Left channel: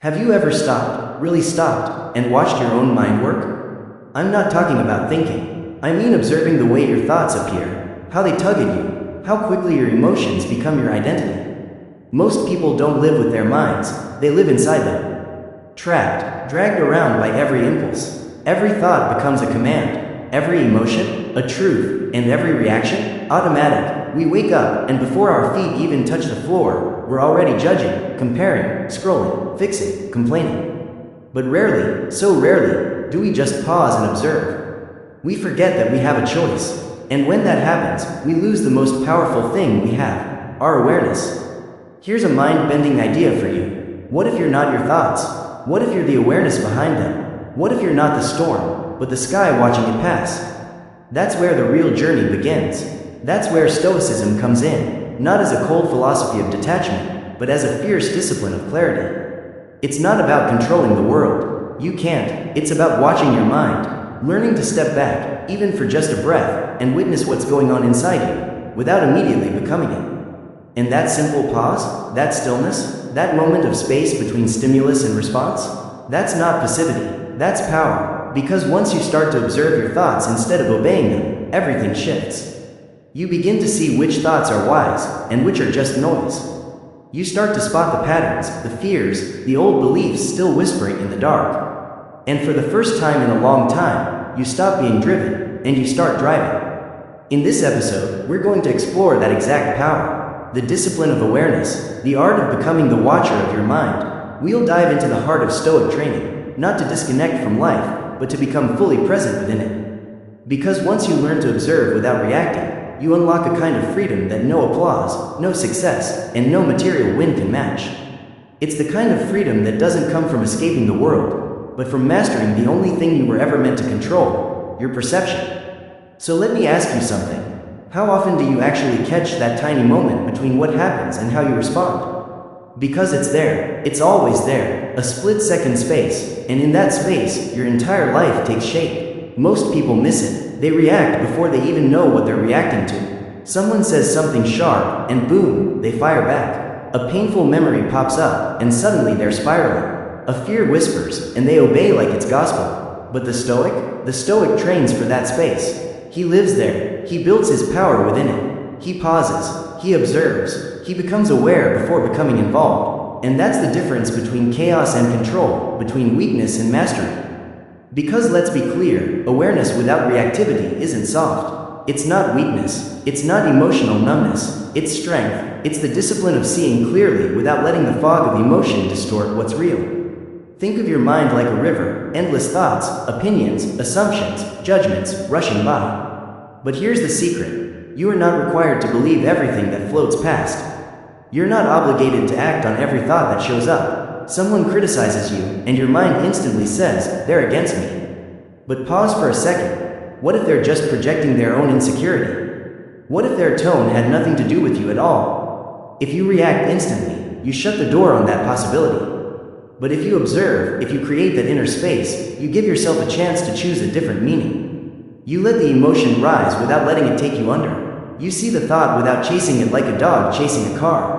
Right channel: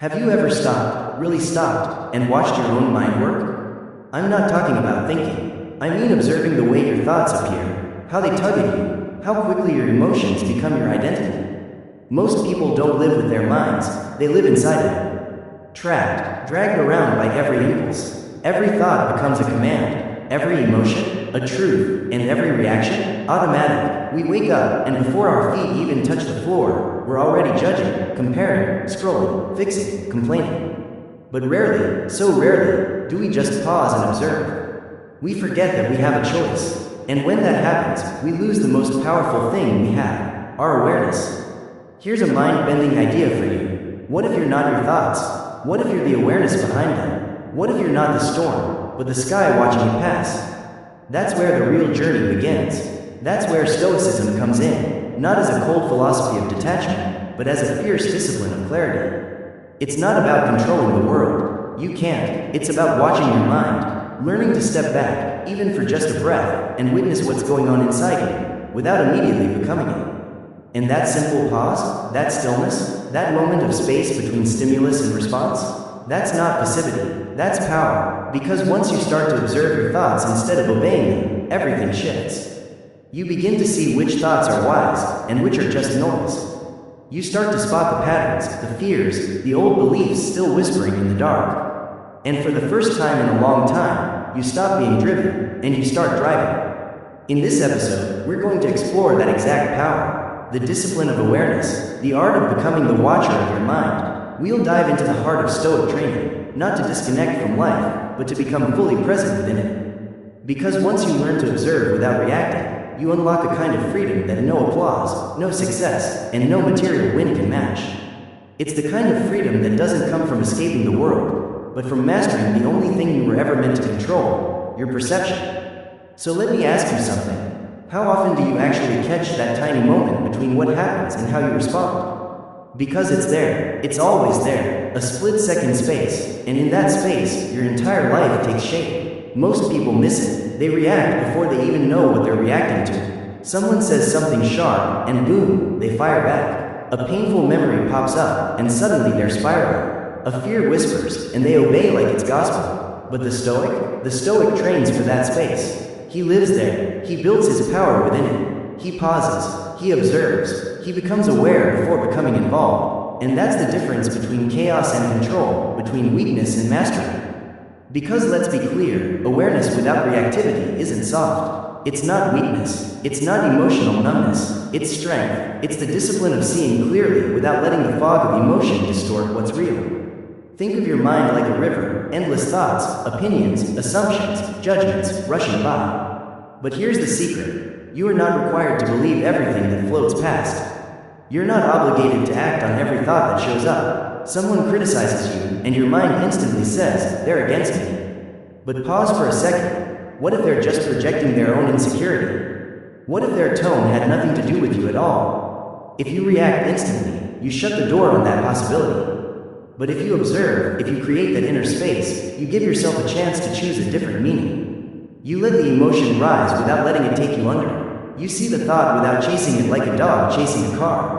Have you ever stopped, really stopped, and watched your own mind work? I'm not talking about thinking. I mean observing the way your thoughts appear, how they tug at you, how quickly your emotions become your identity. Most people don't live with their minds, they live inside them. Trapped, dragged around by every impulse. Every thought becomes a command, every emotion, a truth, and every reaction, automatic. We wake up, and before our feet even touch the floor, we're already judging, comparing, scrolling, fixing, complaining. But rarely, so rarely, do we just pause and observe. We forget that we have a choice, and when that happens, we lose the most powerful thing we have, our awareness. Here's a mind-bending idea for you. What if you're not your thoughts? What if you're the awareness behind them? What if you're not the storm, but the sky watching it pass? That's where the real journey begins. That's where Stoicism comes in, not as a cold philosophy of detachment, but as a fierce discipline of clarity. It's not about controlling the world. You can't. It's about watching your mind, learning to step back, even for just a breath, and witness what's going on inside you, without immediately becoming it. And that simple pause, that stillness, that moment of space between stimulus and response, that's not passivity, that's power, because once you start to observe your thoughts instead of obeying them, everything shifts. You begin to see which thoughts are wise, and which are just noise. You start to spot the patterns, the fears, the old beliefs still whispering in the dark. And for the first time in a long time, you stop being driven, and you start driving. In this episode, we're going to explore that exact power, the discipline of awareness, the art of becoming the watcher of your mind. We'll dive into the heart of Stoic training, not to disconnect from life, but to become fully present within it. Because once you learn to observe without reacting, you unlock a kind of freedom that no applause, no success, and no material win can match. It's the kind of freedom that doesn't come from escaping the world, but from mastering the only thing you were ever meant to control, your perception. So let me ask you something. How often do you actually catch that tiny moment between what happens and how you respond? Because it's there, it's always there, a split-second space, and in that space, your entire life takes shape. Most people miss it. They react before they even know what they're reacting to. Someone says something sharp, and boom, they fire back. A painful memory pops up, and suddenly they're spiraling. A fear whispers, and they obey like it's gospel. But the Stoic trains for that space. He lives there. He builds his power within it. He pauses. He observes. He becomes aware before becoming involved. And that's the difference between chaos and control, between weakness and mastery. Because let's be clear, awareness without reactivity isn't soft. It's not weakness. It's not emotional numbness. It's strength. It's the discipline of seeing clearly without letting the fog of emotion distort what's real. Think of your mind like a river, endless thoughts, opinions, assumptions, judgments rushing by. But here's the secret. You are not required to believe everything that floats past. You're not obligated to act on every thought that shows up. Someone criticizes you, and your mind instantly says, they're against me. But pause for a second. What if they're just projecting their own insecurity? What if their tone had nothing to do with you at all? If you react instantly, you shut the door on that possibility. But if you observe, if you create that inner space, you give yourself a chance to choose a different meaning. You let the emotion rise without letting it take you under. You see the thought without chasing it like a dog chasing a car.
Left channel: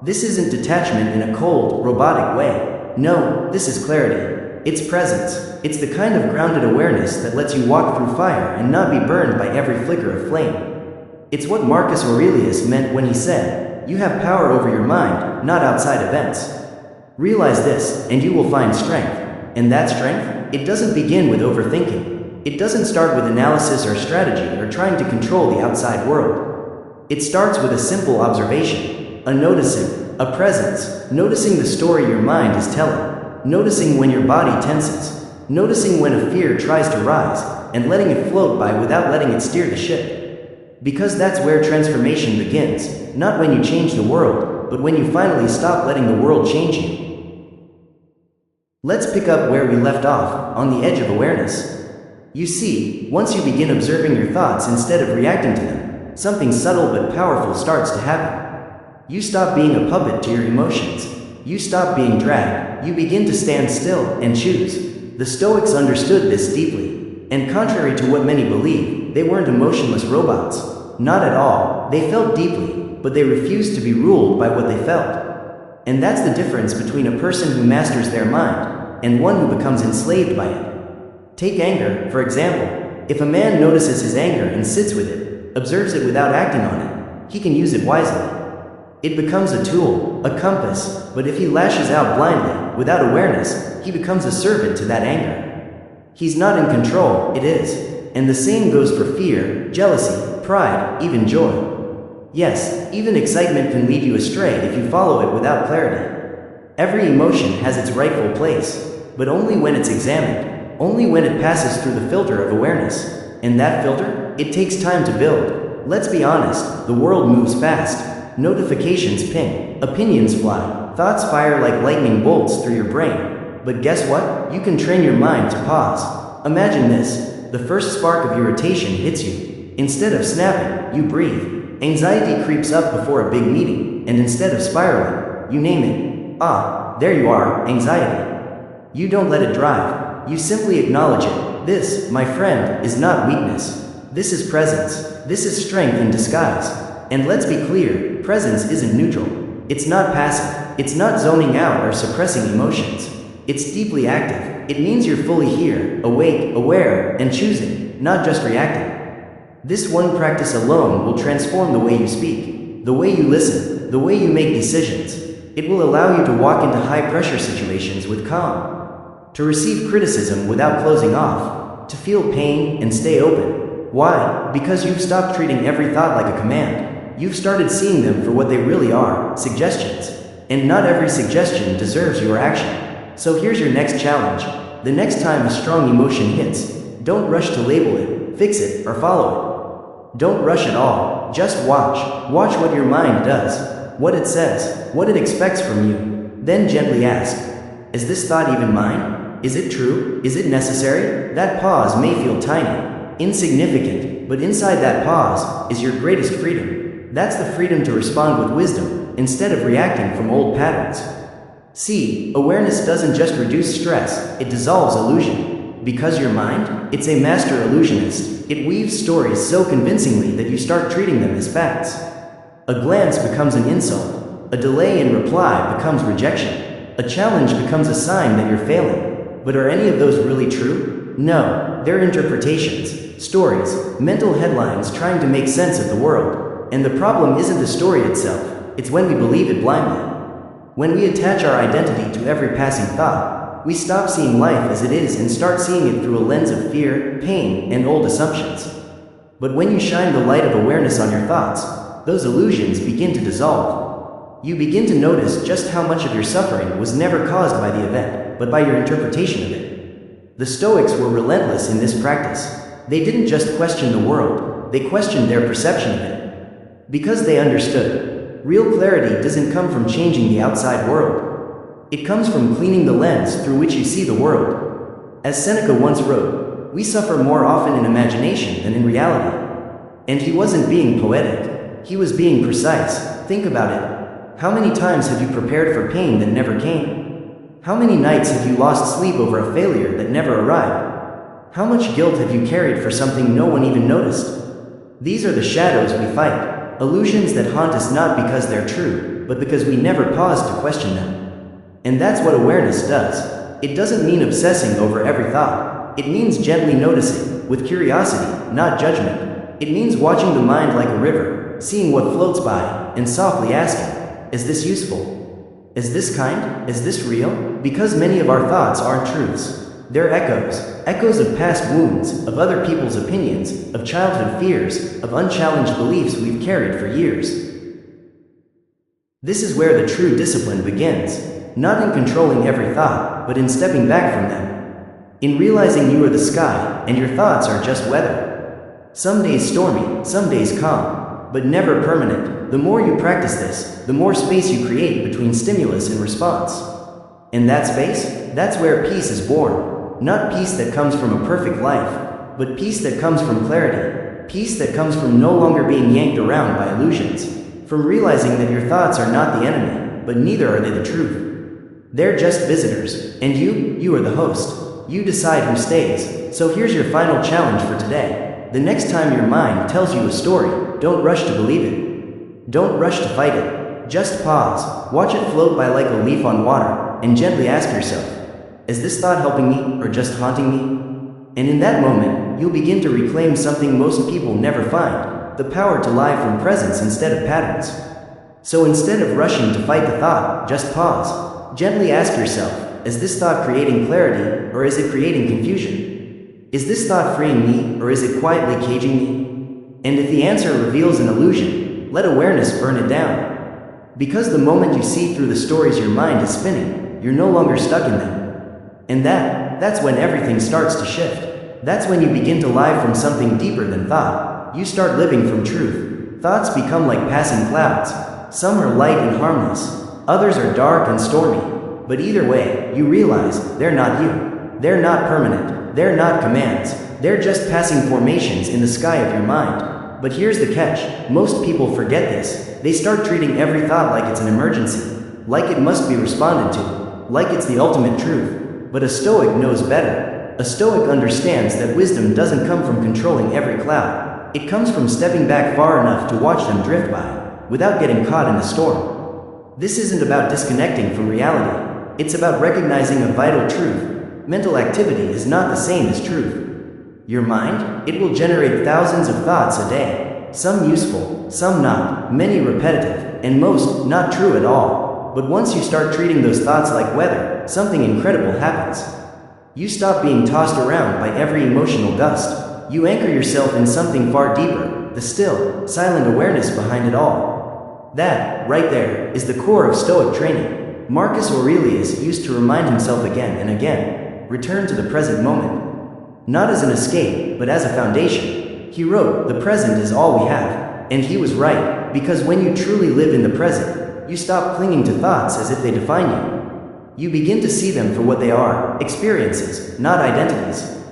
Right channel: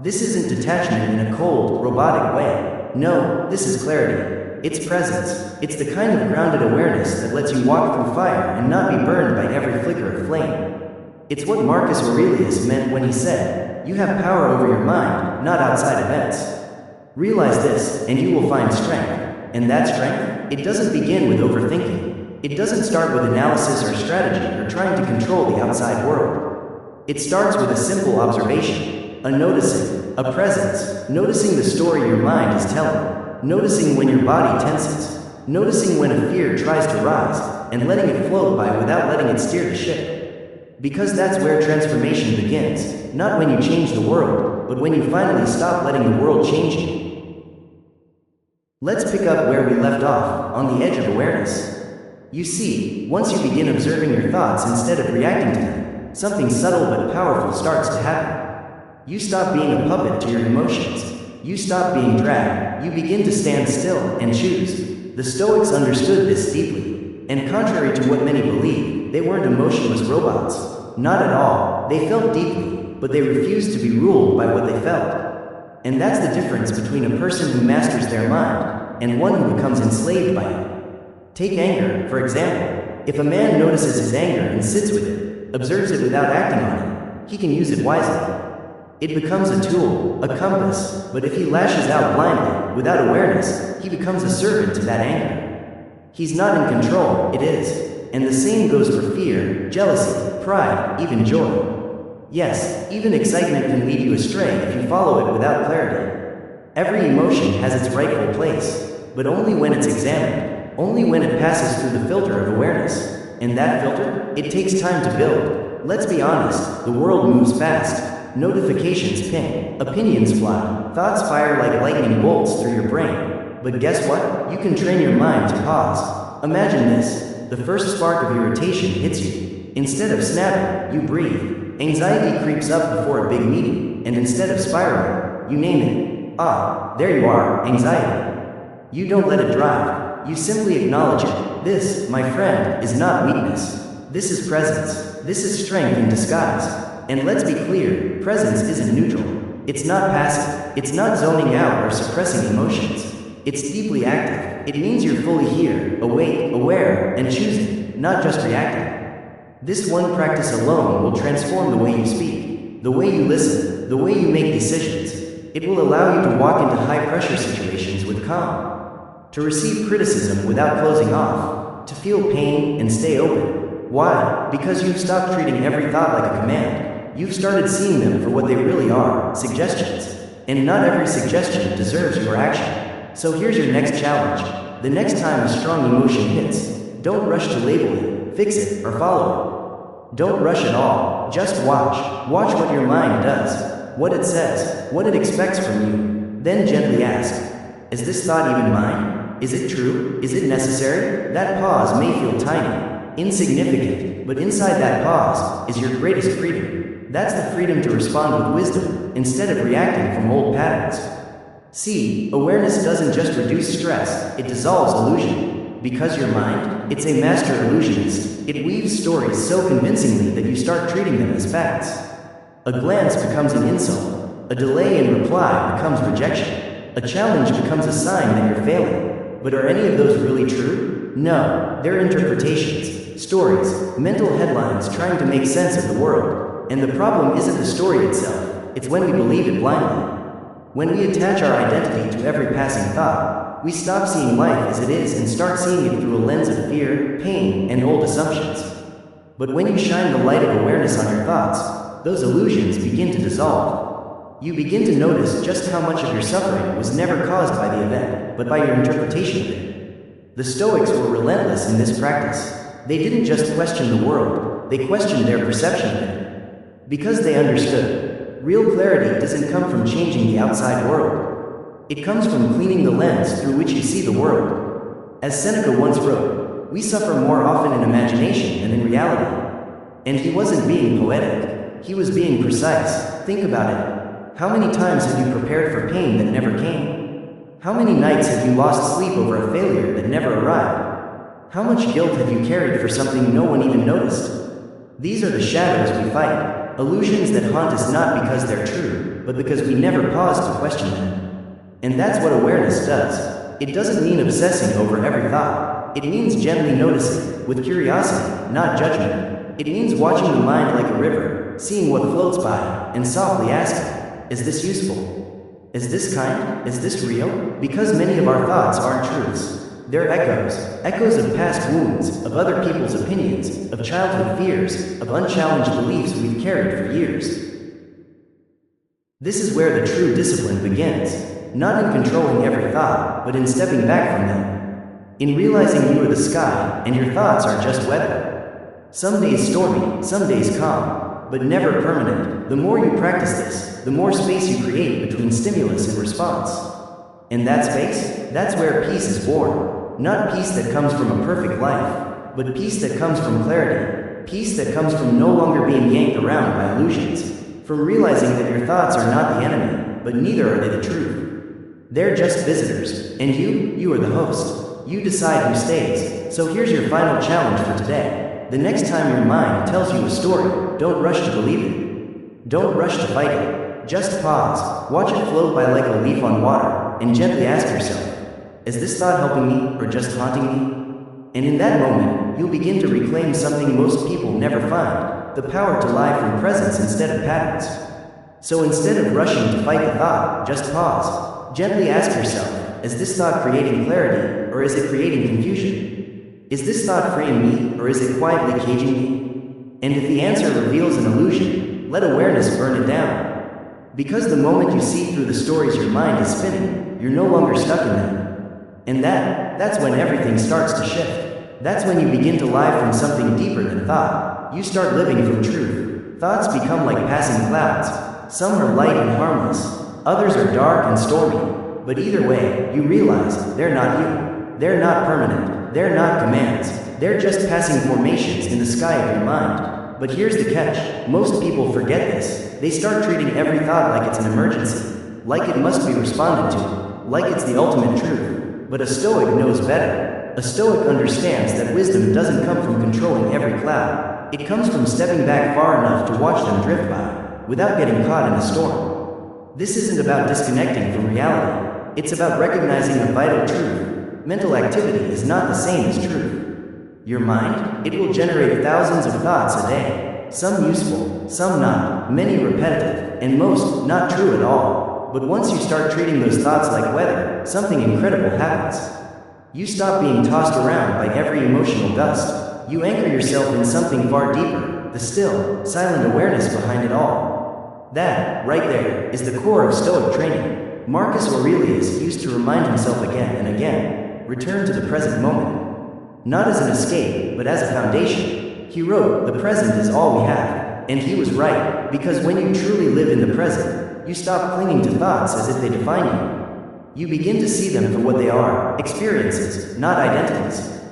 This isn't detachment in a cold, robotic way. No, this is clarity. It's presence. It's the kind of grounded awareness that lets you walk through fire and not be burned by every flicker of flame. It's what Marcus Aurelius meant when he said, you have power over your mind, not outside events. Realize this, and you will find strength. And that strength, it doesn't begin with overthinking. It doesn't start with analysis or strategy or trying to control the outside world. It starts with a simple observation. A noticing, a presence, noticing the story your mind is telling, noticing when your body tenses, noticing when a fear tries to rise, and letting it float by without letting it steer the ship. Because that's where transformation begins, not when you change the world, but when you finally stop letting the world change you. Let's pick up where we left off, on the edge of awareness. You see, once you begin observing your thoughts instead of reacting to them, something subtle but powerful starts to happen. You stop being a puppet to your emotions. You stop being dragged. You begin to stand still and choose. The Stoics understood this deeply. And contrary to what many believe, they weren't emotionless robots. Not at all. They felt deeply, but they refused to be ruled by what they felt. And that's the difference between a person who masters their mind and one who becomes enslaved by it. Take anger, for example. If a man notices his anger and sits with it, observes it without acting on it, he can use it wisely. It becomes a tool, a compass, but if he lashes out blindly, without awareness, he becomes a servant to that anger. He's not in control, it is. And the same goes for fear, jealousy, pride, even joy. Yes, even excitement can lead you astray if you follow it without clarity. Every emotion has its rightful place, but only when it's examined, only when it passes through the filter of awareness. And that filter? It takes time to build. Let's be honest, the world moves fast. Notifications ping, opinions fly, thoughts fire like lightning bolts through your brain. But guess what? You can train your mind to pause. Imagine this. The first spark of irritation hits you. Instead of snapping, you breathe. Anxiety creeps up before a big meeting, and instead of spiraling, you name it. Ah, there you are, anxiety. You don't let it drive. You simply acknowledge it. This, my friend, is not weakness. This is presence. This is strength in disguise. And let's be clear, presence isn't neutral. It's not passive. It's not zoning out or suppressing emotions. It's deeply active. It means you're fully here, awake, aware, and choosing, not just reacting. This one practice alone will transform the way you speak, the way you listen, the way you make decisions. It will allow you to walk into high-pressure situations with calm, to receive criticism without closing off, to feel pain and stay open. Why? Because you've stopped treating every thought like a command. You've started seeing them for what they really are, suggestions. And not every suggestion deserves your action. So here's your next challenge. The next time a strong emotion hits, don't rush to label it, fix it, or follow it. Don't rush at all, just watch. Watch what your mind does, what it says, what it expects from you. Then gently ask, is this thought even mine? Is it true? Is it necessary? That pause may feel tiny, insignificant, but inside that pause is your greatest freedom. That's the freedom to respond with wisdom, instead of reacting from old patterns. See, awareness doesn't just reduce stress, it dissolves illusion. Because your mind, it's a master illusionist. It weaves stories so convincingly that you start treating them as facts. A glance becomes an insult. A delay in reply becomes rejection. A challenge becomes a sign that you're failing. But are any of those really true? No, they're interpretations, stories, mental headlines trying to make sense of the world. And the problem isn't the story itself, it's when we believe it blindly. When we attach our identity to every passing thought, we stop seeing life as it is and start seeing it through a lens of fear, pain, and old assumptions. But when you shine the light of awareness on your thoughts, those illusions begin to dissolve. You begin to notice just how much of your suffering was never caused by the event, but by your interpretation of it. The Stoics were relentless in this practice. They didn't just question the world, they questioned their perception of it. Because they understood, real clarity doesn't come from changing the outside world. It comes from cleaning the lens through which you see the world. As Seneca once wrote, we suffer more often in imagination than in reality. And he wasn't being poetic, he was being precise. Think about it. How many times have you prepared for pain that never came? How many nights have you lost sleep over a failure that never arrived? How much guilt have you carried for something no one even noticed? These are the shadows we fight, illusions that haunt us not because they're true, but because we never pause to question them. And that's what awareness does. It doesn't mean obsessing over every thought. It means gently noticing, with curiosity, not judgment. It means watching the mind like a river, seeing what floats by, and softly asking, is this useful? Is this kind? Is this real? Because many of our thoughts aren't truths. They're echoes. Echoes of past wounds, of other people's opinions, of childhood fears, of unchallenged beliefs we've carried for years. This is where the true discipline begins. Not in controlling every thought, but in stepping back from them. In realizing you are the sky, and your thoughts are just weather. Some days stormy, some days calm, but never permanent. The more you practice this, the more space you create between stimulus and response. And that space, that's where peace is born. Not peace that comes from a perfect life, but peace that comes from clarity. Peace that comes from no longer being yanked around by illusions. From realizing that your thoughts are not the enemy, but neither are they the truth. They're just visitors, and you are the host. You decide who stays. So here's your final challenge for today. The next time your mind tells you a story, don't rush to believe it. Don't rush to fight it. Just pause, watch it float by like a leaf on water, and gently ask yourself, is this thought helping me or just haunting me? And in that moment, you'll begin to reclaim something most people never find, the power to live from presence instead of patterns. So instead of rushing to fight the thought, just pause. Gently ask yourself, is this thought creating clarity, or is it creating confusion? Is this thought freeing me, or is it quietly caging me? And if the answer reveals an illusion, let awareness burn it down. Because the moment you see through the stories your mind is spinning, you're no longer stuck in them. And that's when everything starts to shift. That's when you begin to live from something deeper than thought. You start living from truth. Thoughts become like passing clouds. Some are light and harmless, others are dark and stormy. But either way, you realize they're not you. They're not permanent. They're not commands. They're just passing formations in the sky of your mind. But here's the catch. Most people forget this. They start treating every thought like it's an emergency, like it must be responded to, like it's the ultimate truth. But a Stoic knows better. A Stoic understands that wisdom doesn't come from controlling every cloud. It comes from stepping back far enough to watch them drift by, without getting caught in the storm. This isn't about disconnecting from reality. It's about recognizing a vital truth. Mental activity is not the same as truth. Your mind, it will generate thousands of thoughts a day. Some useful, some not, many repetitive, and most not true at all. But once you start treating those thoughts like weather, something incredible happens. You stop being tossed around by every emotional gust. You anchor yourself in something far deeper, the still, silent awareness behind it all. That, right there, is the core of Stoic training. Marcus Aurelius used to remind himself again and again, return to the present moment. Not as an escape, but as a foundation. He wrote, the present is all we have. And he was right, because when you truly live in the present, you stop clinging to thoughts as if they define you. You begin to see them for what they are, experiences, not identities.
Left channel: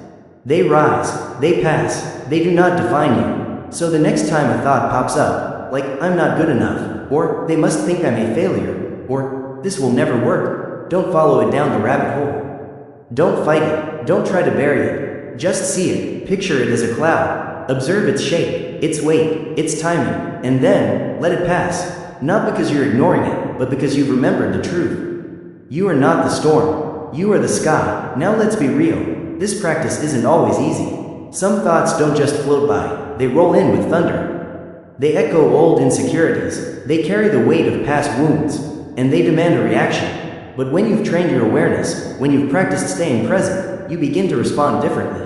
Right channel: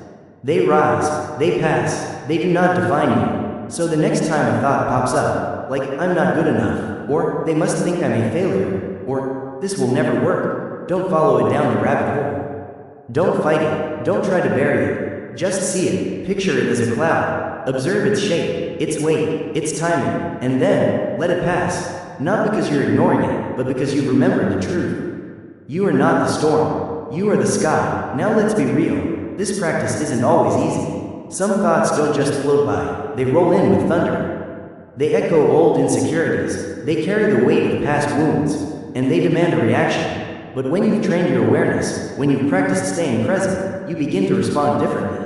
They rise, they pass, they do not define you. So the next time a thought pops up, like, I'm not good enough, or they must think I'm a failure, or this will never work, don't follow it down the rabbit hole. Don't fight it, don't try to bury it. Just see it, picture it as a cloud, observe its shape, its weight, its timing, and then, let it pass. Not because you're ignoring it, but because you've remembered the truth. You are not the storm, you are the sky. Now let's be real, this practice isn't always easy. Some thoughts don't just float by, they roll in with thunder. They echo old insecurities, they carry the weight of past wounds, and they demand a reaction. But when you've trained your awareness, when you've practiced staying present, you begin to respond differently.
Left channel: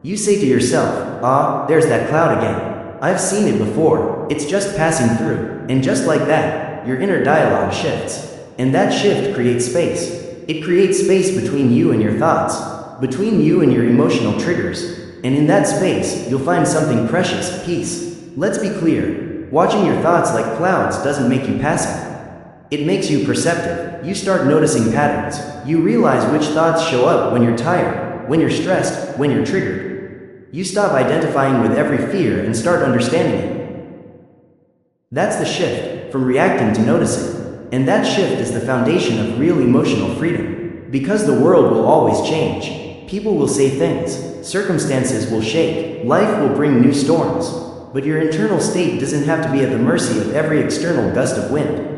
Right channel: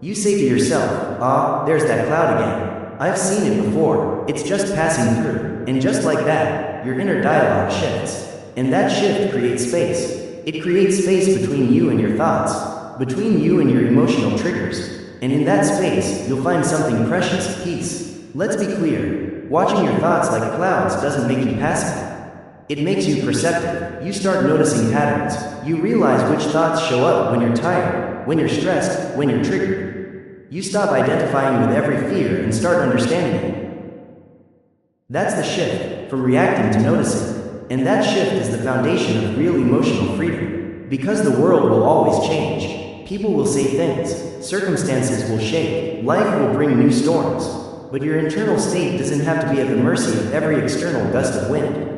You say to yourself, ah, there's that cloud again. I've seen it before, it's just passing through. And just like that, your inner dialogue shifts. And that shift creates space. It creates space between you and your thoughts, between you and your emotional triggers. And in that space, you'll find something precious, peace. Let's be clear, watching your thoughts like clouds doesn't make you passive. It makes you perceptive. You start noticing patterns. You realize which thoughts show up when you're tired, when you're stressed, when you're triggered. You stop identifying with every fear and start understanding it. That's the shift, from reacting to noticing. And that shift is the foundation of real emotional freedom. Because the world will always change. People will say things, circumstances will shake, life will bring new storms. But your internal state doesn't have to be at the mercy of every external gust of wind.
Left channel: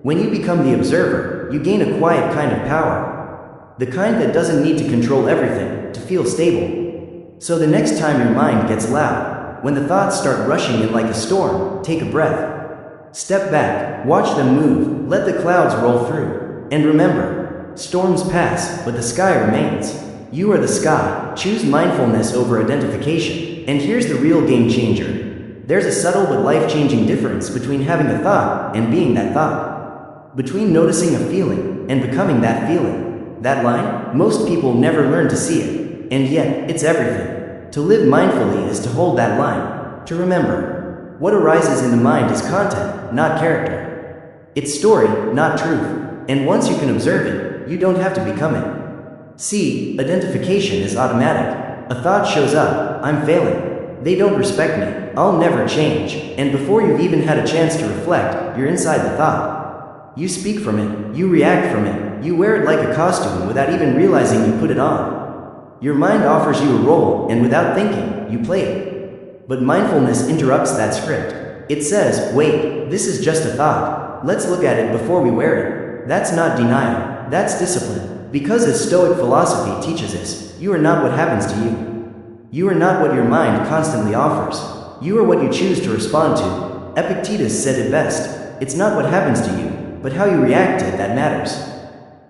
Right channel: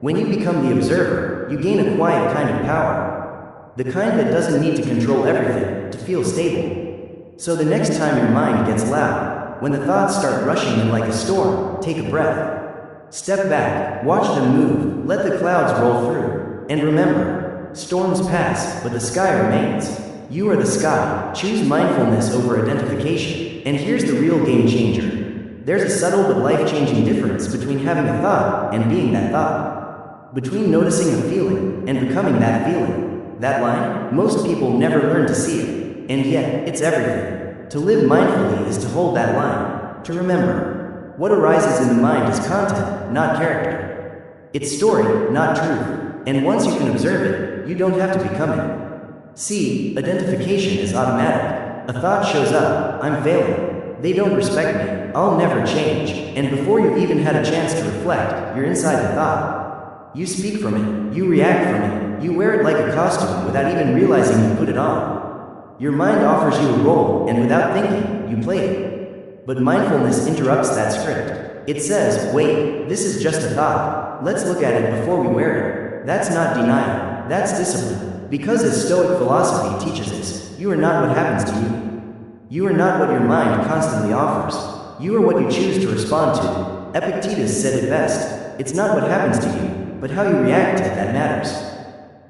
When you become the observer, you gain a quiet kind of power. The kind that doesn't need to control everything, to feel stable. So the next time your mind gets loud, when the thoughts start rushing in like a storm, take a breath. Step back, watch them move, let the clouds roll through. And remember, storms pass, but the sky remains. You are the sky. Choose mindfulness over identification. And here's the real game changer. There's a subtle but life-changing difference between having a thought and being that thought. Between noticing a feeling and becoming that feeling. That line, most people never learn to see it. And yet, it's everything. To live mindfully is to hold that line. To remember, what arises in the mind is content, not character. It's story, not truth. And once you can observe it, you don't have to become it. See, identification is automatic. A thought shows up, I'm failing. They don't respect me, I'll never change. And before you've even had a chance to reflect, you're inside the thought. You speak from it, you react from it, you wear it like a costume without even realizing you put it on. Your mind offers you a role, and without thinking, you play it. But mindfulness interrupts that script. It says, wait, this is just a thought. Let's look at it before we wear it. That's not denial, that's discipline. Because as Stoic philosophy teaches us, you are not what happens to you. You are not what your mind constantly offers. You are what you choose to respond to. Epictetus said it best. It's not what happens to you, but how you react to it that matters.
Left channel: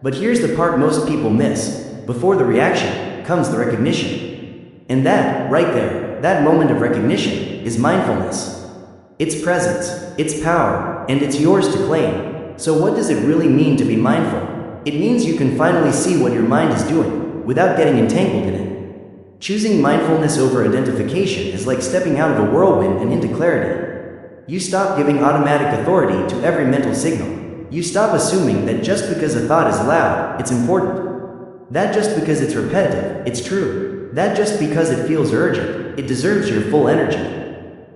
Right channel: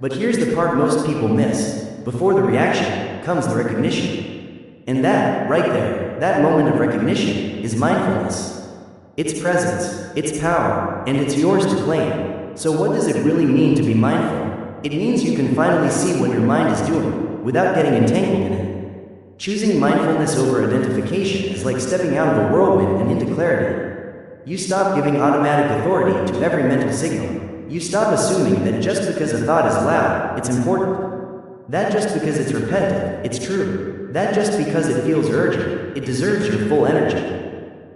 But here's the part most people miss. Before the reaction comes the recognition. And that, right there, that moment of recognition, is mindfulness. It's presence, it's power, and it's yours to claim. So what does it really mean to be mindful? It means you can finally see what your mind is doing, without getting entangled in it. Choosing mindfulness over identification is like stepping out of a whirlwind and into clarity. You stop giving automatic authority to every mental signal. You stop assuming that just because a thought is loud, it's important. That just because it's repetitive, it's true. That just because it feels urgent, it deserves your full energy.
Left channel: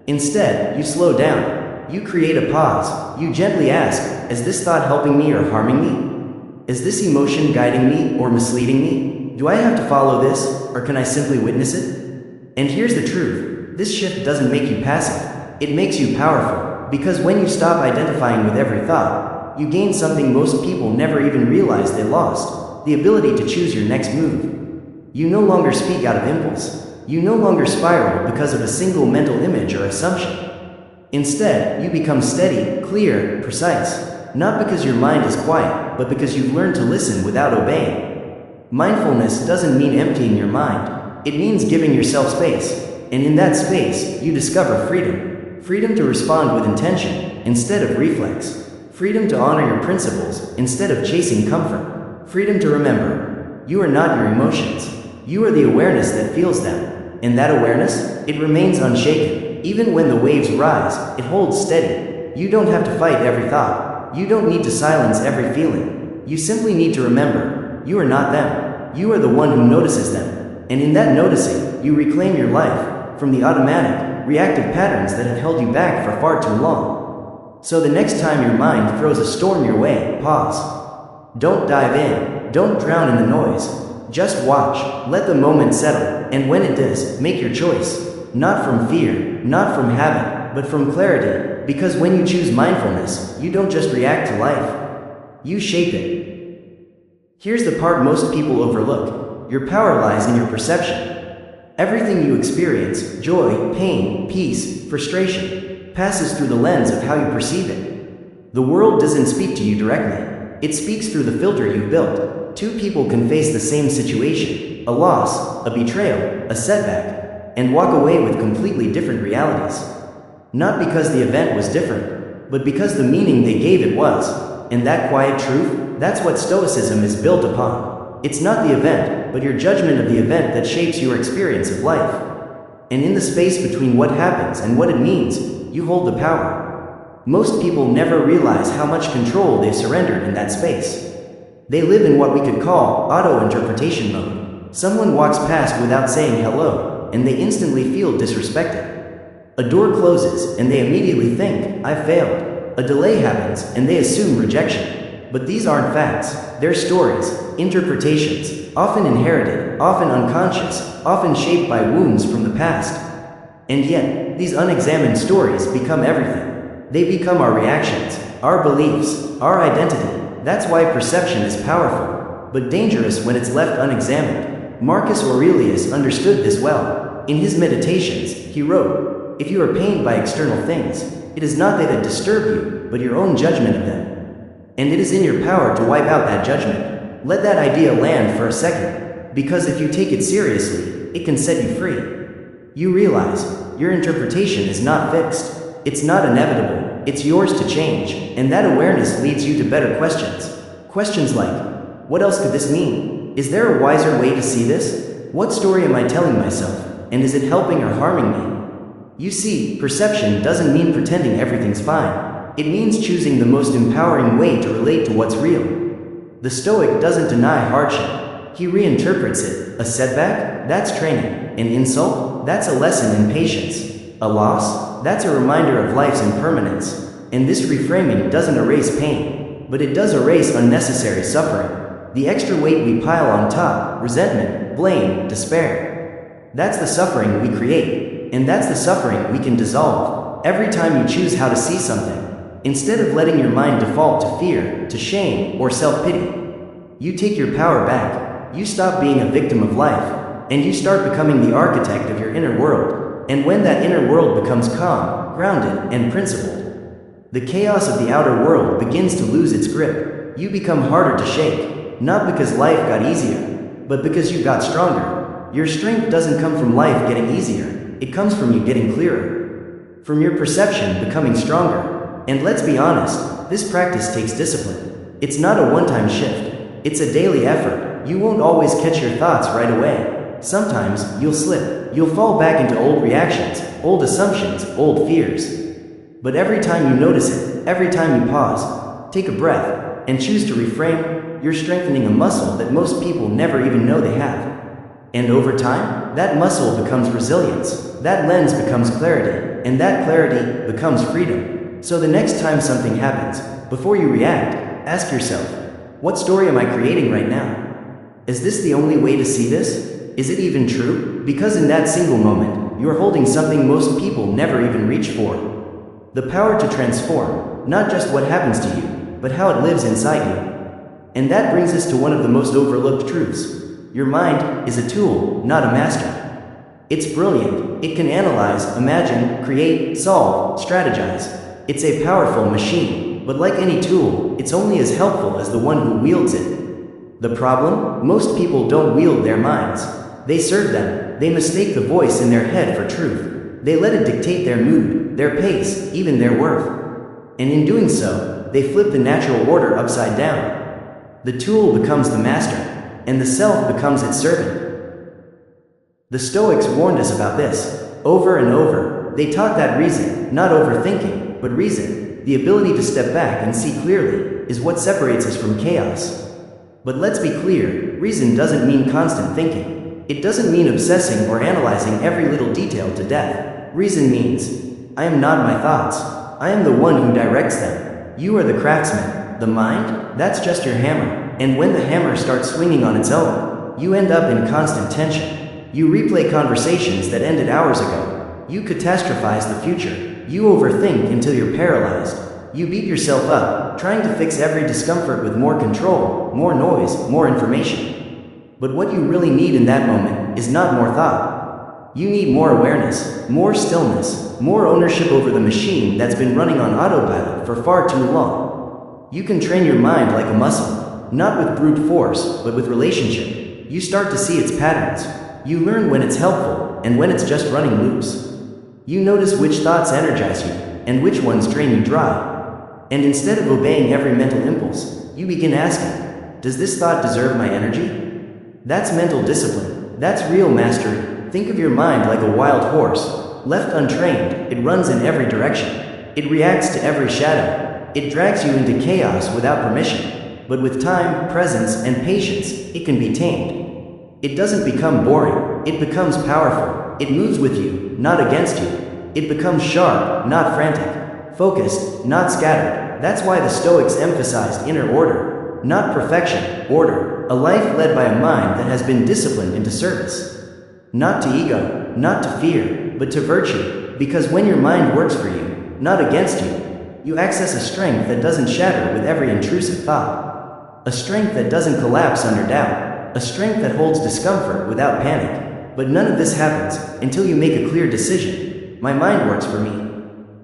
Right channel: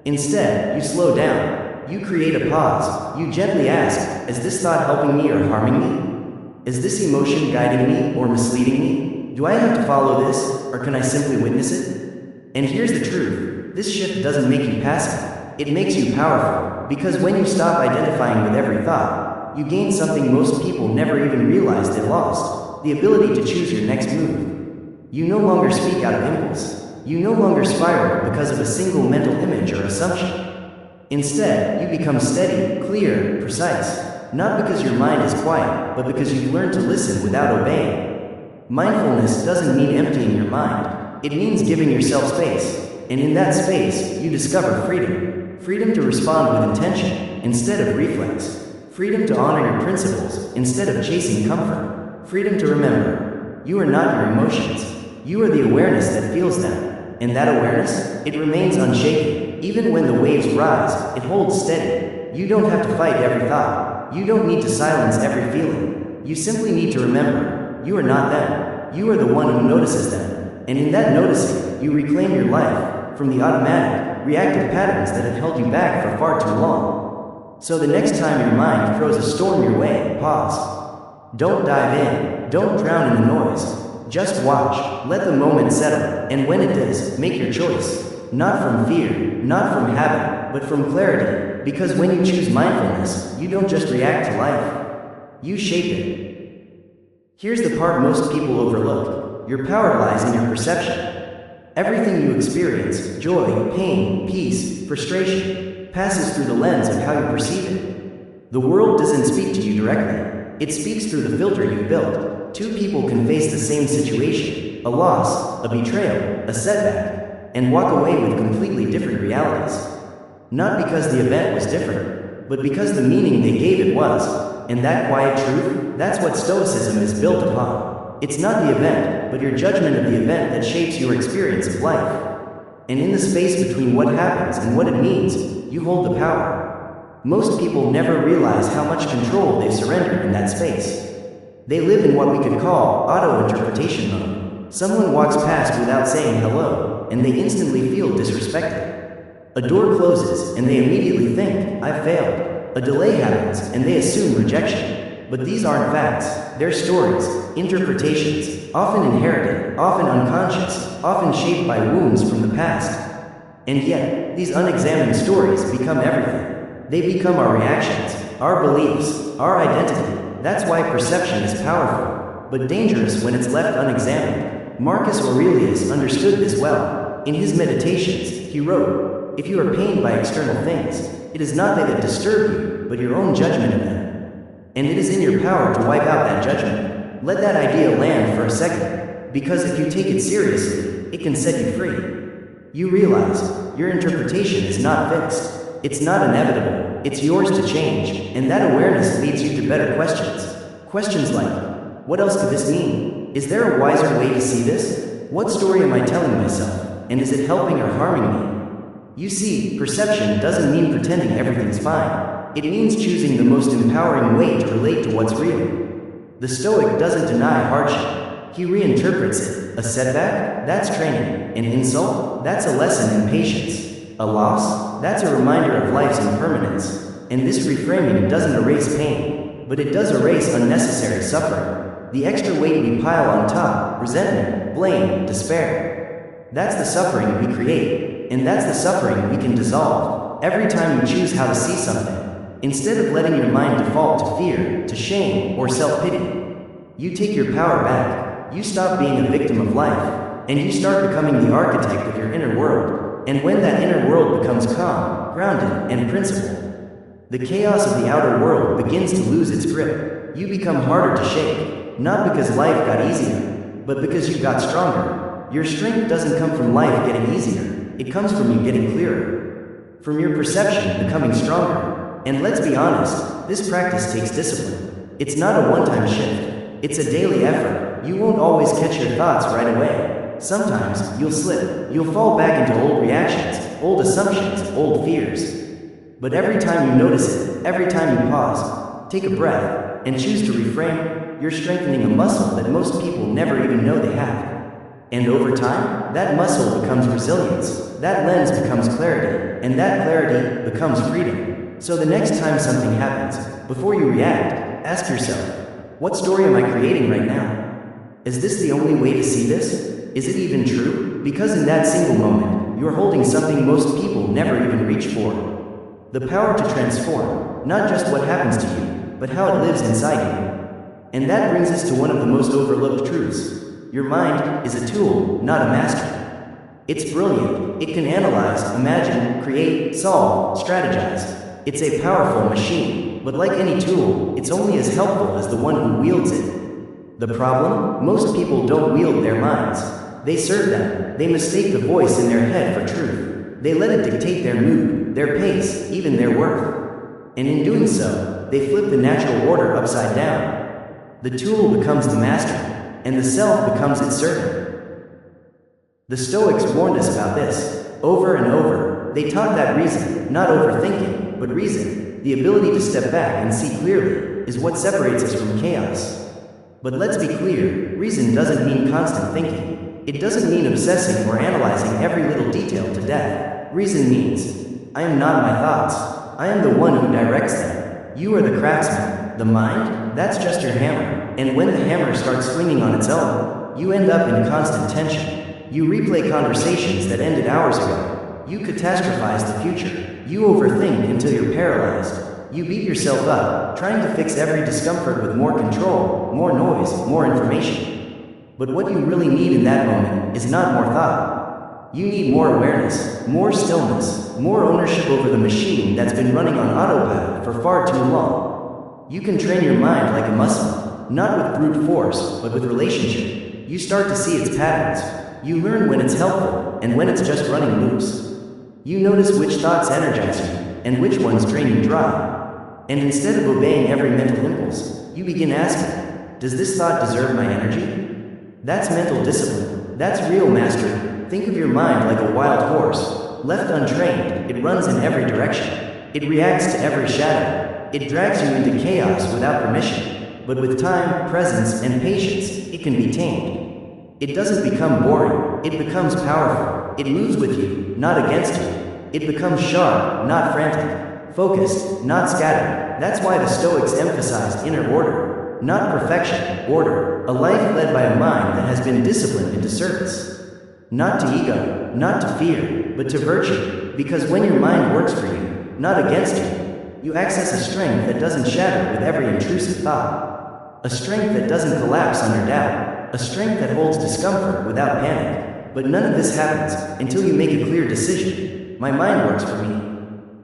Instead, you slow down. You create a pause. You gently ask, is this thought helping me or harming me? Is this emotion guiding me or misleading me? Do I have to follow this, or can I simply witness it? And here's the truth. This shift doesn't make you passive. It makes you powerful, because when you stop identifying with every thought, you gain something most people never even realized they lost: the ability to choose your next move. You no longer speak out of impulse. You no longer spiral because of a single mental image or assumption. Instead, you become steady, clear, precise, not because your mind is quiet, but because you've learned to listen without obeying. Mindfulness doesn't mean emptying your mind. It means giving yourself space, and in that space, you discover freedom. Freedom to respond with intention, instead of reflex. Freedom to honor your principles, instead of chasing comfort. Freedom to remember, you are not your emotions. You are the awareness that feels them. And that awareness, it remains unshaken. Even when the waves rise, it holds steady. You don't have to fight every thought. You don't need to silence every feeling. You simply need to remember, you are not them. You are the one who notices them. And in that noticing, you reclaim your life from the automatic, reactive patterns that have held you back for far too long. So the next time your mind throws a storm your way, pause. Don't dive in. Don't drown in the noise. Just watch. Let the moment settle. And when it does, make your choice. Not from fear, not from habit, but from clarity. Because when you choose mindfulness, you don't just react to life. You shape it. Here's the part most people overlook. Your power lies in your perception. Everything you experience, joy, pain, peace, frustration, passes through the lens of how you perceive it. The world doesn't speak to you directly. It speaks through the filter you built. Two people can face the same situation, a loss, a betrayal, a setback, and walk away with completely different realities. Not because the event was different, but because the meaning they gave it was. And that quiet truth, that's what Stoicism is built upon. It's not the event, but your judgment of the event that shapes your experience of life. And in the space between what happens and what it means, you hold the power. Most people never realize how much control they surrender in that space. They live in what we could call auto-interpretation mode. Someone walks past without saying hello, and they instantly feel disrespected. A door closes, and they immediately think, I've failed. A delay happens, and they assume rejection. But these aren't facts, they're stories, interpretations, often inherited, often unconscious, often shaped by wounds from the past. And yet, these unexamined stories become everything. They become our reactions, our beliefs, our identity. That's why perception is powerful, but dangerous when it's left unexamined. Marcus Aurelius understood this well. In his Meditations, he wrote, if you are pained by external things, it is not they that disturb you, but your own judgment of them. And it is in your power to wipe out that judgment. Let that idea land for a second, because if you take it seriously, it can set you free. You realize, your interpretation is not fixed. It's not inevitable. It's yours to change, and that awareness leads you to better questions. Questions like, what else could this mean? Is there a wiser way to see this? What story am I telling myself? And is it helping or harming me? You see, perception doesn't mean pretending everything's fine. It means choosing the most empowering way to relate to what's real. The Stoic doesn't deny hardship. He reinterprets it. A setback? That's training. An insult? That's a lesson in patience. A loss? That's a reminder of life's impermanence. And this reframing doesn't erase pain, but it does erase unnecessary suffering. The extra weight we pile on top, resentment, blame, despair. That's the suffering we create, and that's the suffering we can dissolve every time you choose how to see something. Instead of letting your mind default to fear, to shame, or self-pity, you take your power back. You stop being a victim of life, and you start becoming the architect of your inner world. And when that inner world becomes calm, grounded, and principled, the chaos of the outer world begins to lose its grip. You become harder to shake, not because life got easier, but because you got stronger. Your strength doesn't come from life getting easier, it comes from you getting clearer, from your perception becoming stronger. And let's be honest, this practice takes discipline. It's not a one-time shift, it's a daily effort. You won't always catch your thoughts right away. Sometimes you'll slip, you'll fall back into old reactions, old assumptions, old fears. But every time you notice it, every time you pause, take a breath, and choose to reframe, you're strengthening a muscle that most people never even know they have. And over time, that muscle becomes resilience, that lens becomes clarity, and that clarity becomes freedom. So the next time something happens, before you react, ask yourself, what story am I creating right now? Is this the only way to see this? Is it even true? Because in that single moment, you're holding something most people never even reach for. The power to transform, not just what happens to you, but how it lives inside you. And that brings us to one of the most overlooked truths. Your mind is a tool, not a master. It's brilliant. It can analyze, imagine, create, solve, strategize. It's a powerful machine, but like any tool, it's only as helpful as the one who wields it. The problem? Most people don't wield their minds. They serve them. They mistake the voice in their head for truth. They let it dictate their mood, their pace, even their worth. And in doing so, they flip the natural order upside down. The tool becomes the master, and the self becomes its servant. The Stoics warned us about this, over and over. They taught that reason, not overthinking, but reason, the ability to step back and see clearly, is what separates us from chaos. But let's be clear, reason doesn't mean constant thinking. It doesn't mean obsessing or analyzing every little detail to death. Reason means, I am not my thoughts. I am the one who directs them. You are the craftsman. The mind? That's just your hammer. And when the hammer starts swinging on its own, you end up in constant tension. You replay conversations that ended hours ago. You catastrophize the future. You overthink until you're paralyzed. You beat yourself up, trying to fix every discomfort with more control, more noise, more information. But what you really need in that moment is not more thought. You need more awareness, more stillness, more ownership over the machine that's been running on autopilot for far too long. You can train your mind like a muscle, not with brute force, but with relationship. You start to see its patterns. You learn when it's helpful, and when it's just running loose. You notice which thoughts energize you, and which ones drain you dry. And instead of obeying every mental impulse, you begin asking, does this thought deserve my energy? That's mental discipline. That's real mastery. Think of your mind like a wild horse. Left untrained, it runs in every direction. It reacts to every shadow. It drags you into chaos without permission. But with time, presence, and patience, it can be tamed. It doesn't become boring. It becomes powerful. It moves with you, not against you. It becomes sharp, not frantic. Focused, not scattered. That's why the Stoics emphasized inner order, not perfection, order, a life led by a mind that has been disciplined into service. Not to ego, not to fear, but to virtue, because when your mind works for you, not against you, you access a strength that doesn't shatter with every intrusive thought. A strength that doesn't collapse under doubt. A strength that holds discomfort without panic. But none of this happens until you make a clear decision. My mind works for me.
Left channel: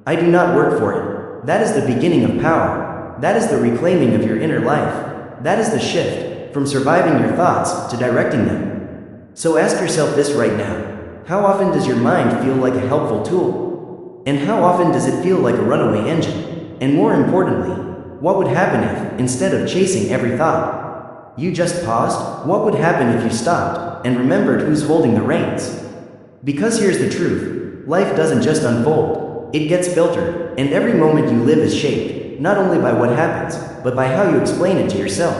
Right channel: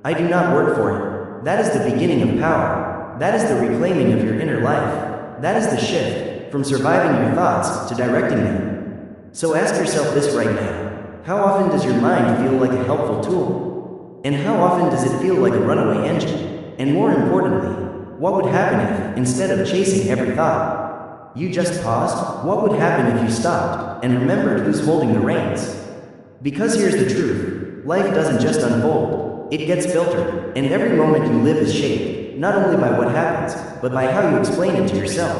I do not work for it. That is the beginning of power. That is the reclaiming of your inner life. That is the shift from surviving your thoughts to directing them. So ask yourself this right now. How often does your mind feel like a helpful tool? And how often does it feel like a runaway engine? And more importantly, what would happen if, instead of chasing every thought, you just paused? What would happen if you stopped and remembered who's holding the reins? Because here's the truth. Life doesn't just unfold. It gets filtered, and every moment you live is shaped, not only by what happens, but by how you explain it to yourself.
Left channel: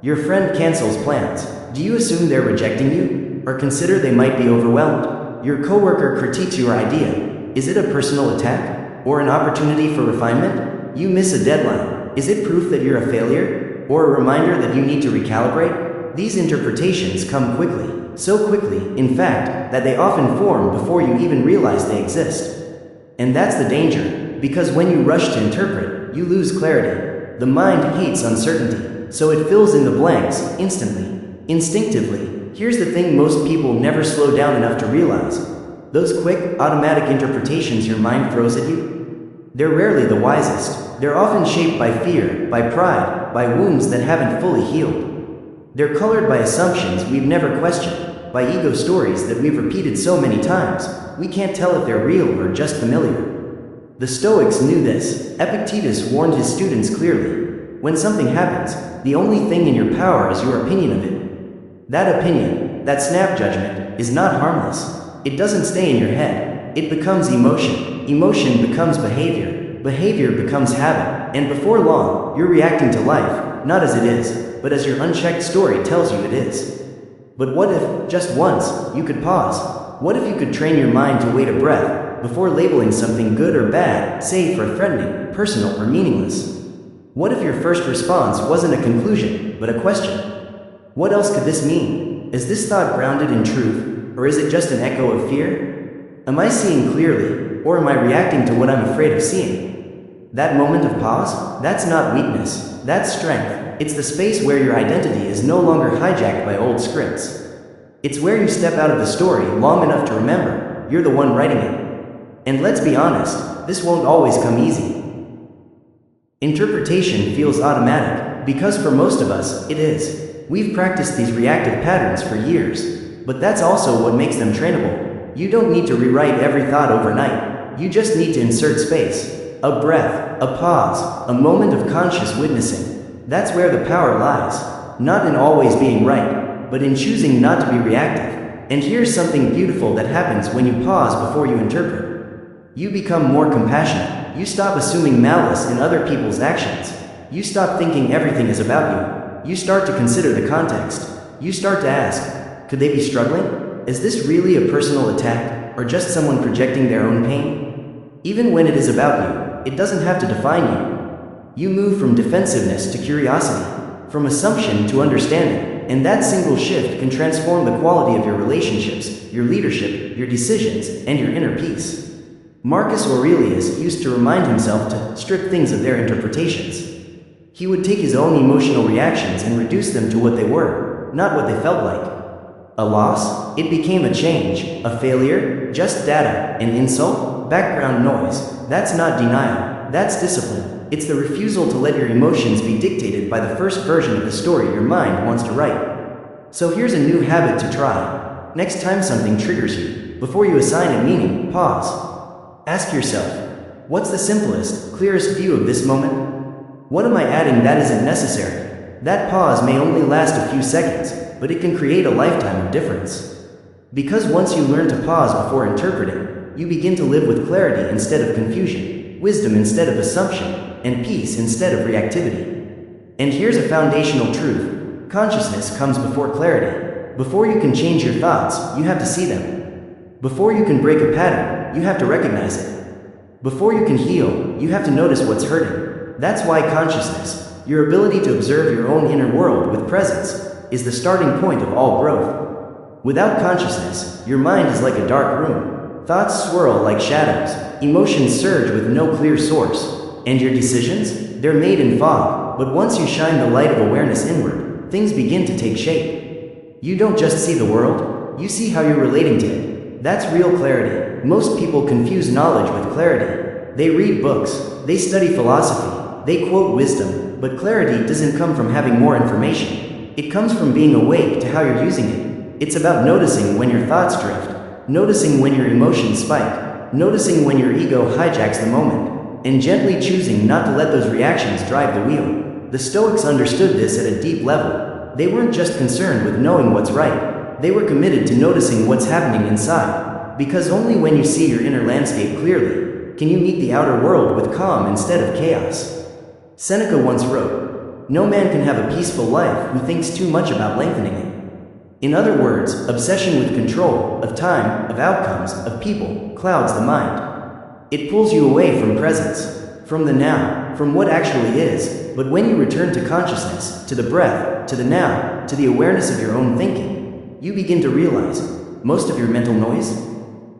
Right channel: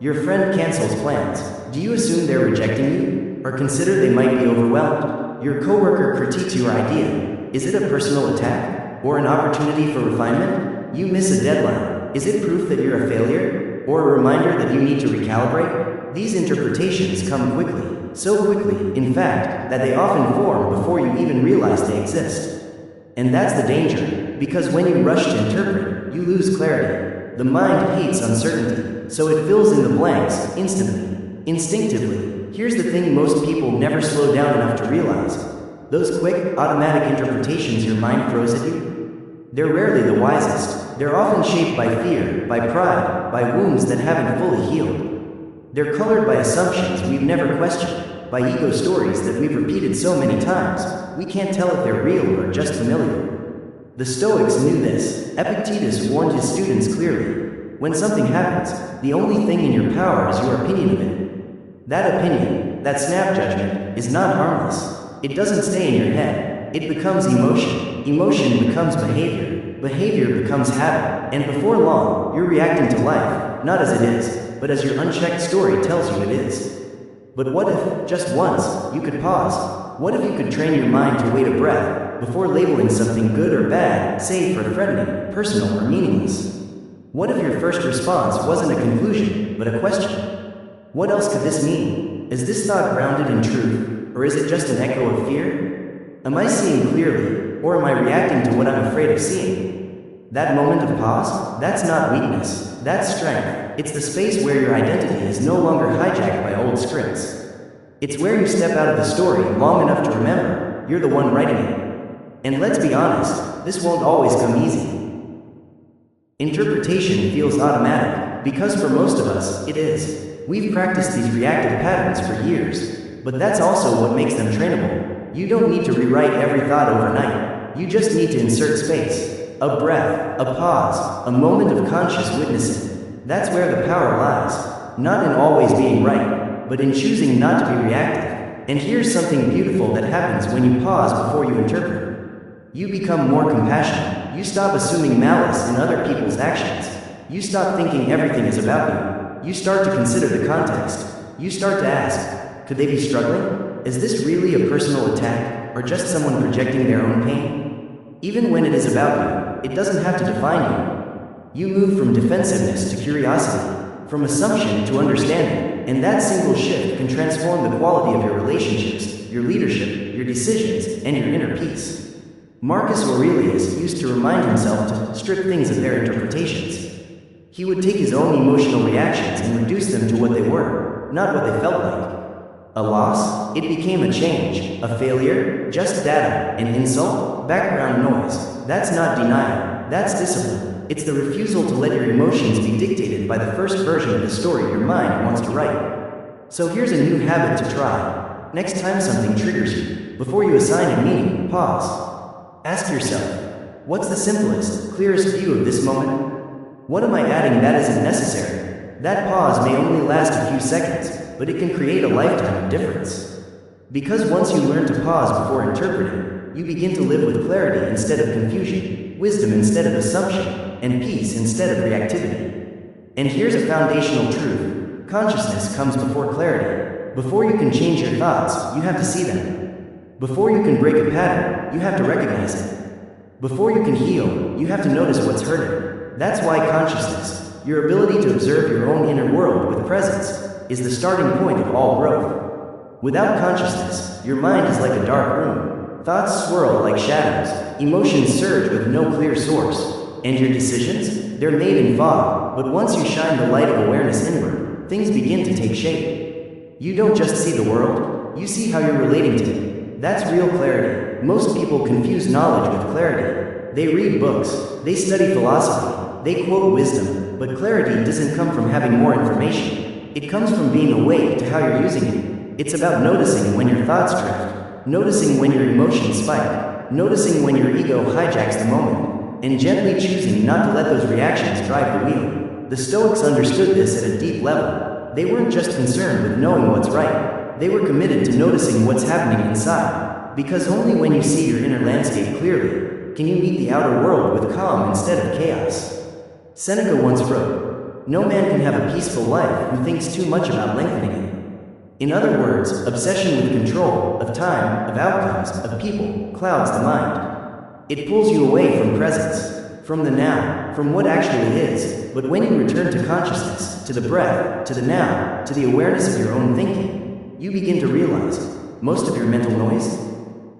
Your friend cancels plans. Do you assume they're rejecting you? Or consider they might be overwhelmed? Your coworker critiques your idea. Is it a personal attack? Or an opportunity for refinement? You miss a deadline. Is it proof that you're a failure? Or a reminder that you need to recalibrate? These interpretations come quickly, so quickly, in fact, that they often form before you even realize they exist. And that's the danger. because when you rush to interpret, you lose clarity. The mind hates uncertainty, so it fills in the blanks instantly, instinctively. Here's the thing most people never slow down enough to realize. Those quick, automatic interpretations your mind throws at you, they're rarely the wisest. They're often shaped by fear, by pride, by wounds that haven't fully healed. They're colored by assumptions we've never questioned, by ego stories that we've repeated so many times, we can't tell if they're real or just familiar. The Stoics knew this. Epictetus warned his students clearly. When something happens, the only thing in your power is your opinion of it. That opinion, that snap judgment, is not harmless. It doesn't stay in your head. It becomes emotion. Emotion becomes behavior. Behavior becomes habit. And before long, you're reacting to life, not as it is, but as your unchecked story tells you it is. But what if, just once, you could pause? What if you could train your mind to wait a breath before labeling something good or bad, safe or threatening, personal or meaningless? What if your first response wasn't a conclusion, but a question? What else could this mean? Is this thought grounded in truth, or is it just an echo of fear? Am I seeing clearly, or am I reacting to what I'm afraid of seeing? That moment of pause, that's not weakness, that's strength. It's the space where your identity is no longer hijacked by old scripts. It's where you step out of the story long enough to remember you're the one writing it. And let's be honest, this won't always come easy. Interpretation feels automatic, because for most of us, it is. We've practiced these reactive patterns for years, but that's also what makes them trainable. You don't need to rewrite every thought overnight. You just need to insert space, a breath, a pause, a moment of conscious witnessing. That's where the power lies, not in always being right, but in choosing not to be reactive. And here's something beautiful that happens when you pause before you interpret. You become more compassionate. You stop assuming malice in other people's actions. You stop thinking everything is about you. You start to consider the context. You start to ask, could they be struggling? Is this really a personal attack, or just someone projecting their own pain? Even when it is about you, it doesn't have to define you. You move from defensiveness to curiosity, from assumption to understanding, and that single shift can transform the quality of your relationships, your leadership, your decisions, and your inner peace. Marcus Aurelius used to remind himself to strip things of their interpretations. He would take his own emotional reactions and reduce them to what they were, not what they felt like. A loss? It became a change. A failure? Just data. An insult? Background noise. That's not denial. That's discipline. It's the refusal to let your emotions be dictated by the first version of the story your mind wants to write. So here's a new habit to try. Next time something triggers you, before you assign a meaning, pause. Ask yourself, what's the simplest, clearest view of this moment? What am I adding that isn't necessary? That pause may only last a few seconds, but it can create a lifetime of difference. Because once you learn to pause before interpreting, you begin to live with clarity instead of confusion, wisdom instead of assumption, and peace instead of reactivity. And here's a foundational truth. Consciousness comes before clarity. Before you can change your thoughts, you have to see them. Before you can break a pattern, you have to recognize it. Before you can heal, you have to notice what's hurting. That's why consciousness, your ability to observe your own inner world with presence, is the starting point of all growth. Without consciousness, your mind is like a dark room. Thoughts swirl like shadows, emotions surge with no clear source. And your decisions? They're made in fog, but once you shine the light of awareness inward, things begin to take shape. You don't just see the world, you see how you're relating to it. That's real clarity. Most people confuse knowledge with clarity. They read books, they study philosophy, they quote wisdom, but clarity doesn't come from having more information. It comes from being awake to how you're using it. It's about noticing when your thoughts drift, noticing when your emotions spike, noticing when your ego hijacks the moment, and gently choosing not to let those reactions drive the wheel. The Stoics understood this at a deep level. They weren't just concerned with knowing what's right. They were committed to noticing what's happening inside. Because only when you see your inner landscape clearly, can you meet the outer world with calm instead of chaos. Seneca once wrote, "No man can have a peaceful life who thinks too much about lengthening it." In other words, obsession with control, of time, of outcomes, of people, clouds the mind. It pulls you away from presence, from the now, from what actually is. But when you return to consciousness, to the breath, to the now, to the awareness of your own thinking, you begin to realize most of your mental noise,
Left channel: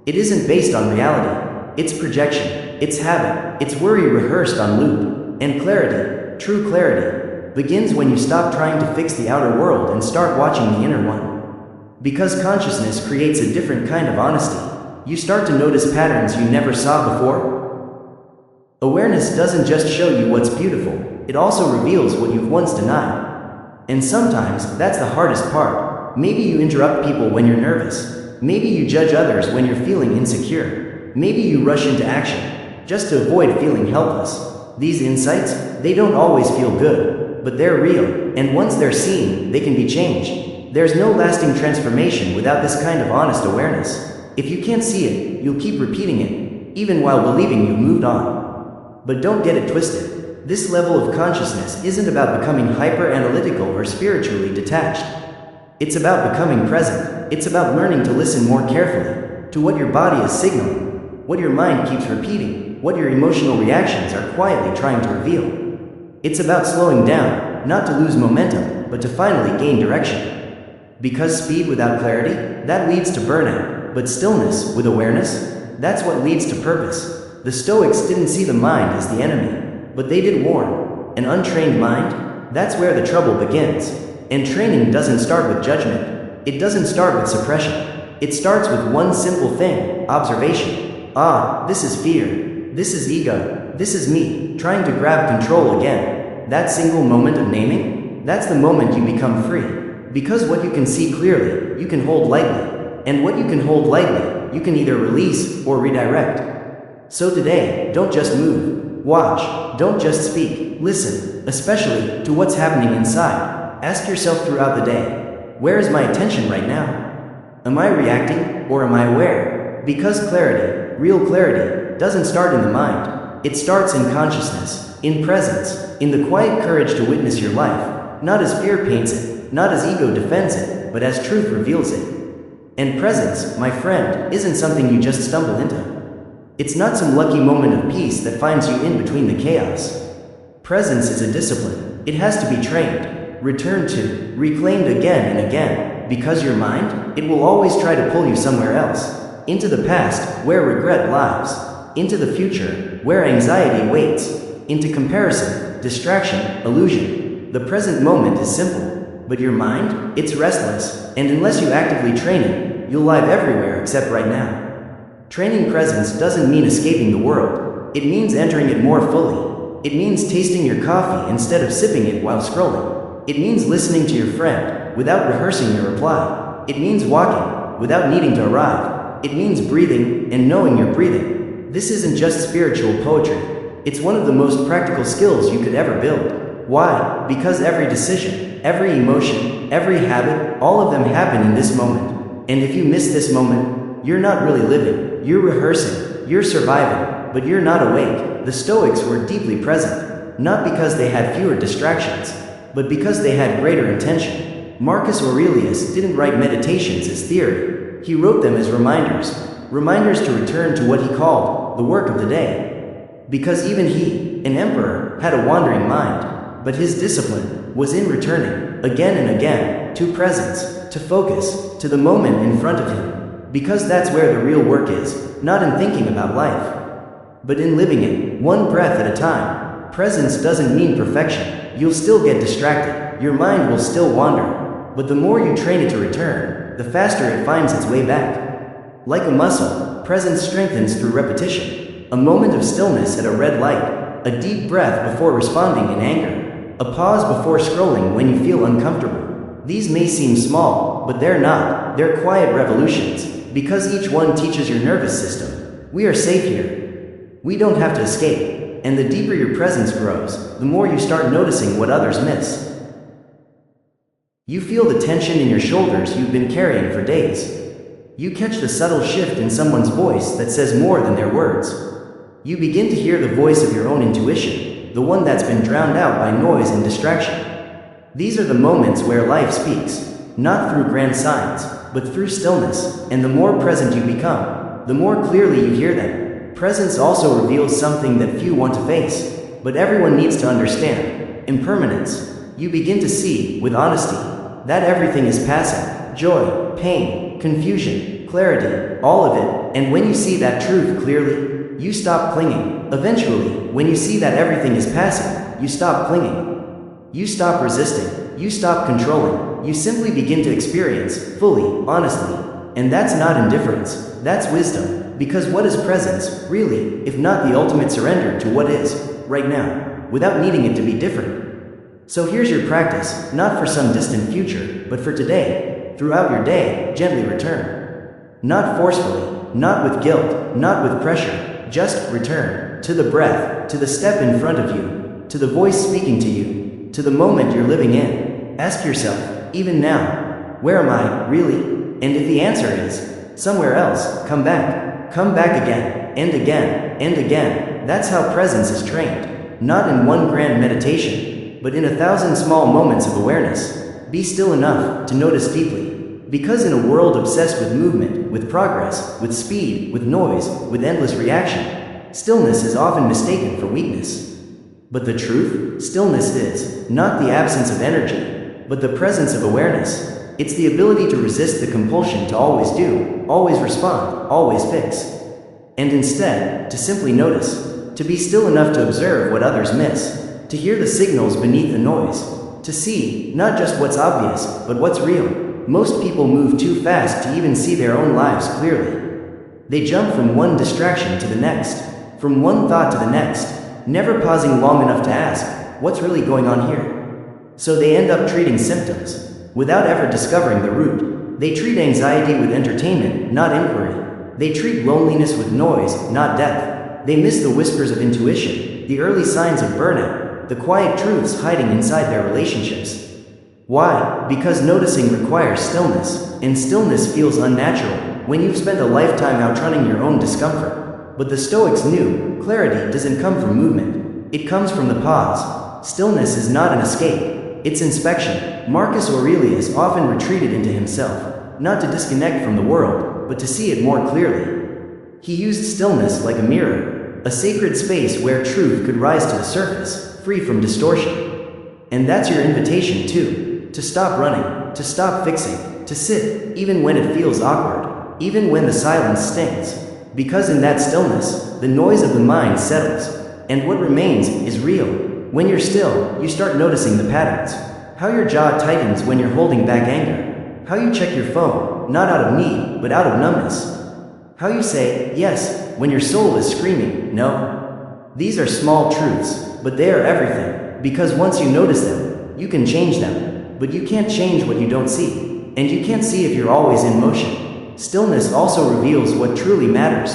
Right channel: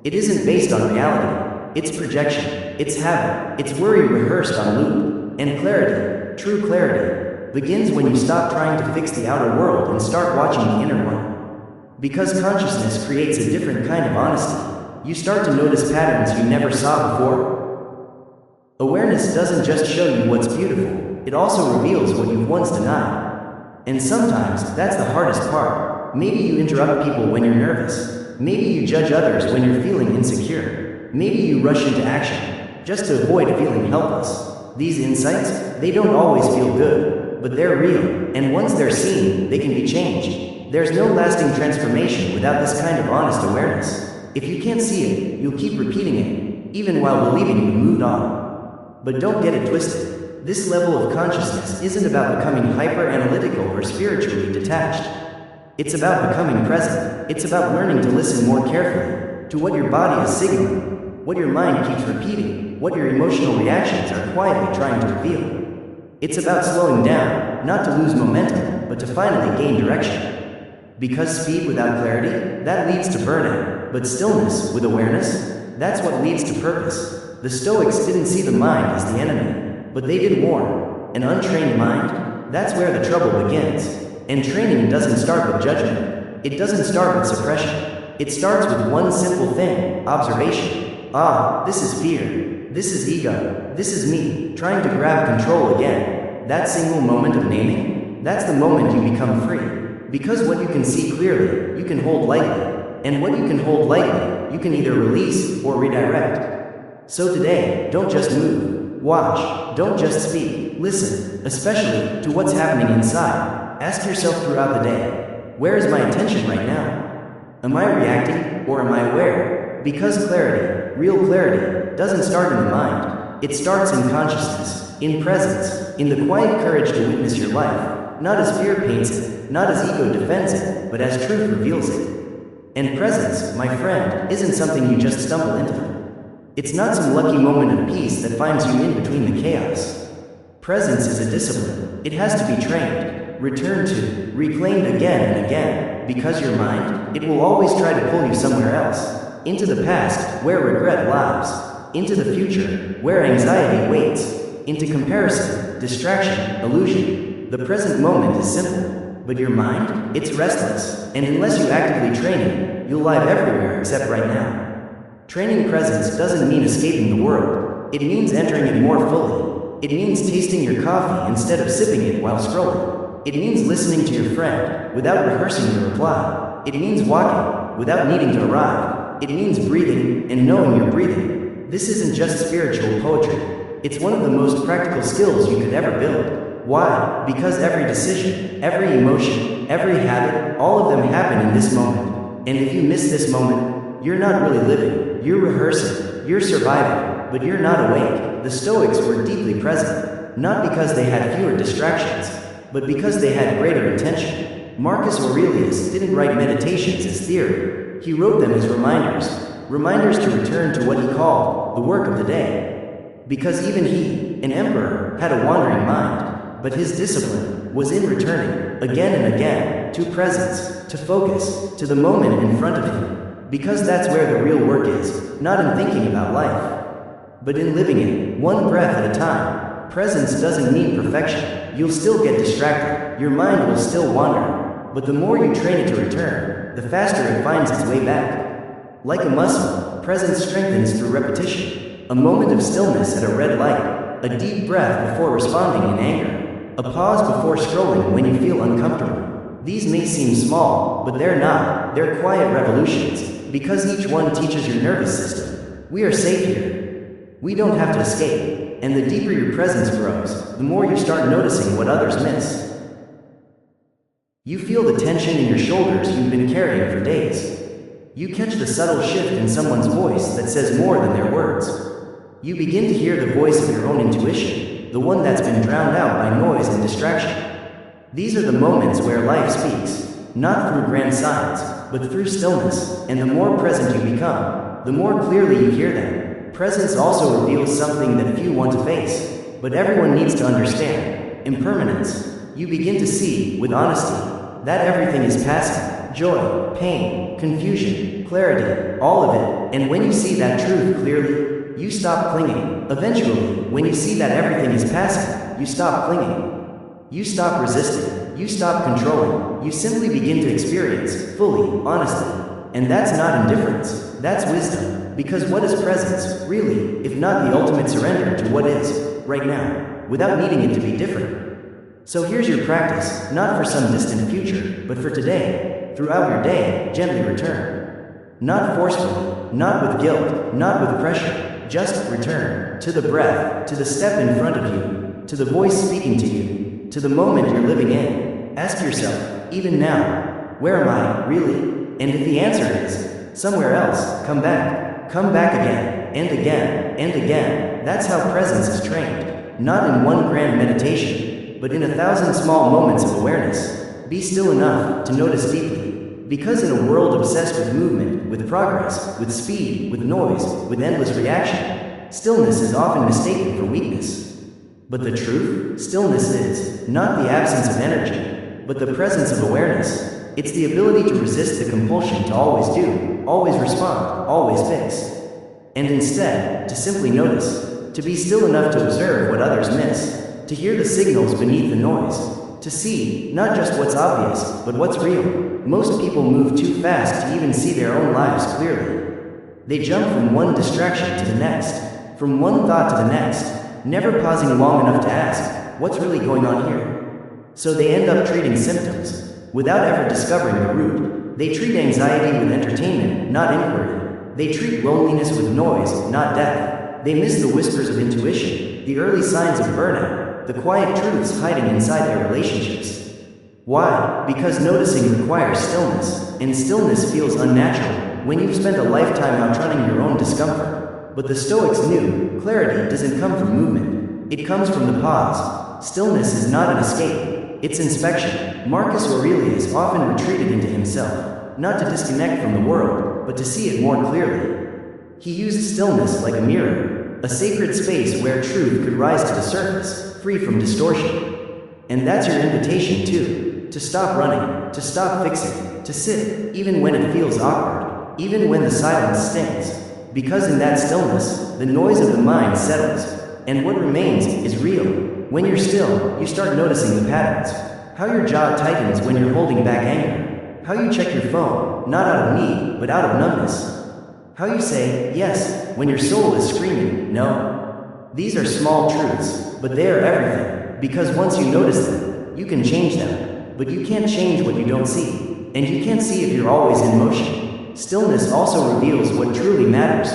it isn't based on reality. It's projection, it's habit, it's worry rehearsed on loop. And clarity, true clarity, begins when you stop trying to fix the outer world and start watching the inner one. Because consciousness creates a different kind of honesty. You start to notice patterns you never saw before. Awareness doesn't just show you what's beautiful, it also reveals what you've once denied. And sometimes, that's the hardest part. Maybe you interrupt people when you're nervous. Maybe you judge others when you're feeling insecure. Maybe you rush into action, just to avoid feeling helpless. These insights, they don't always feel good, but they're real, and once they're seen, they can be changed. There's no lasting transformation without this kind of honest awareness. If you can't see it, you'll keep repeating it, even while believing you've moved on. But don't get it twisted. This level of consciousness isn't about becoming hyper-analytical or spiritually detached. It's about becoming present. It's about learning to listen more carefully to what your body is signaling, what your mind keeps repeating, what your emotional reactions are quietly trying to reveal. It's about slowing down, not to lose momentum, but to finally gain direction. Because speed without clarity, that leads to burnout, but stillness with awareness, that's what leads to purpose. The Stoics didn't see the mind as the enemy, but they did warn. An untrained mind, that's where the trouble begins. And training doesn't start with judgment. It doesn't start with suppression. It starts with one simple thing, observation. This is fear. This is ego. This is me, trying to grab control again. That single moment of naming, that's the moment you become free. Because what you can see clearly, you can hold lightly. And what you can hold lightly, you can either release or redirect. So today, don't just move. Watch, don't just speak, listen, especially to what's happening inside. Ask yourself throughout the day, where is my attention right now? Am I reacting, or am I aware? Because clarity, real clarity, doesn't start in the mind. It starts in consciousness, in presence, in the quiet courage to witness your life, not as fear paints it, not as ego defends it, but as truth reveals it. And presence, my friend, isn't something you just stumble into. It's not some lucky moment of peace that finds you in between the chaos. Presence is a discipline. It has to be trained, returned to, reclaimed again and again, because your mind, it will always try to pull you somewhere else. Into the past, where regret lies. Into the future, where anxiety waits. Into comparison, distraction, illusion. The present moment is simple, but your mind, it's restless, and unless you actively train it, you'll live everywhere except right now. Training presence doesn't mean escaping the world. It means entering it more fully. It means tasting your coffee instead of sipping it while scrolling. It means listening to your friend without rehearsing your reply. It means walking without needing to arrive. It means breathing and knowing you're breathing. This isn't just spiritual poetry. It's one of the most practical skills you could ever build. Why? Because every decision, every emotion, every habit, all of them happen in this moment. And if you miss this moment, you're not really living. You're rehearsing, you're surviving, but you're not awake. The Stoics were deeply present, not because they had fewer distractions, but because they had greater intention. Marcus Aurelius didn't write meditations as theory. He wrote them as reminders to return to what he called the work of the day. Because even he, an emperor, had a wandering mind, but his discipline was in returning, again and again, to presence, to focus, to the moment in front of him. Because that's where the real work is, not in thinking about life, but in living it, one breath at a time. Presence doesn't mean perfection. You'll still get distracted, your mind will still wander, but the more you train it to return, the faster it finds its way back. Like a muscle, presence strengthens through repetition. A moment of stillness at a red light, a deep breath before responding in anger, a pause before scrolling when you feel uncomfortable. These may seem small, but they're not. They're quiet revolutions. Because each one teaches your nervous system, we are safe here. We don't have to escape. And the deeper your presence grows, the more you start noticing what others miss. You feel the tension in your shoulders you've been carrying for days. You catch the subtle shift in someone's voice that says more than their words. You begin to hear the voice of your own intuition, the one that's been drowned out by noise and distraction. These are the moments where life speaks, not through grand signs, but through stillness, and the more present you become, the more clearly you hear them. Presence also reveals something that few want to face, but everyone needs to understand: impermanence. You begin to see, with honesty, that everything is passing: joy, pain, confusion, clarity, all of it. And when you see that truth clearly, you stop clinging. Eventually, when you see that everything is passing, you stop clinging. You stop resisting. You stop controlling. You simply begin to experience, fully, honestly. And that's not indifference. That's wisdom. Because what is presence, really, if not the ultimate surrender to what is, right now, without needing it to be different? So here's your practice, not for some distant future, but for today. Throughout your day, gently return. Not forcefully, not with guilt, not with pressure. Just return. To the breath, to the step in front of you, to the voice speaking to you, to the moment you're living in. Ask yourself, even now, where am I, really? And if the answer is, somewhere else, come back. Come back again, and again, and again. That's how presence is trained. Not in one grand meditation, but in 1,000 small moments of awareness. Be still enough to notice deeply. Because in a world obsessed with movement, with progress, with speed, with noise, with endless reaction, stillness is often mistaken for weakness. But the truth, stillness is not the absence of energy, but the presence of awareness. It's the ability to resist the compulsion to always do, always respond, always fix. And instead, to simply notice, to be still enough to observe what others miss, to hear the signals beneath the noise, to see, not just what's obvious, but what's real. Most people move too fast to even see their own lives clearly. They jump from one distraction to the next, from one thought to the next, never pausing long enough to ask, what's really going on here? So they end up treating symptoms, without ever discovering the root. They treat anxiety with entertainment, not inquiry. They treat loneliness with noise, not depth. They miss the whispers of intuition, the early signs of burnout, the quiet truths hiding inside their relationships. Why? Because noticing requires stillness, and stillness feels unnatural when you've spent a lifetime outrunning your own discomfort. But the Stoics knew, clarity doesn't come from movement. It comes from the pause. Stillness is not an escape. It's inspection. Marcus Aurelius often retreated into himself, not to disconnect from the world, but to see it more clearly. He used stillness like a mirror, a sacred space where truth could rise to the surface, free from distortion. And that's your invitation too, to stop running, to stop fixing, to sit, even when it feels awkward, even when the silence stings. Because in that stillness, the noise of the mind settles, and what remains is real. When you're still, you start noticing the patterns. How your jaw tightens when you're holding back anger. How you check your phone, not out of need, but out of numbness. How you say, yes, when your soul is screaming, no. These are small truths, but they are everything. Because once you notice them, you can change them. But you can't change what you don't see. And you can't see if you're always in motion. Stillness also reveals what truly matters.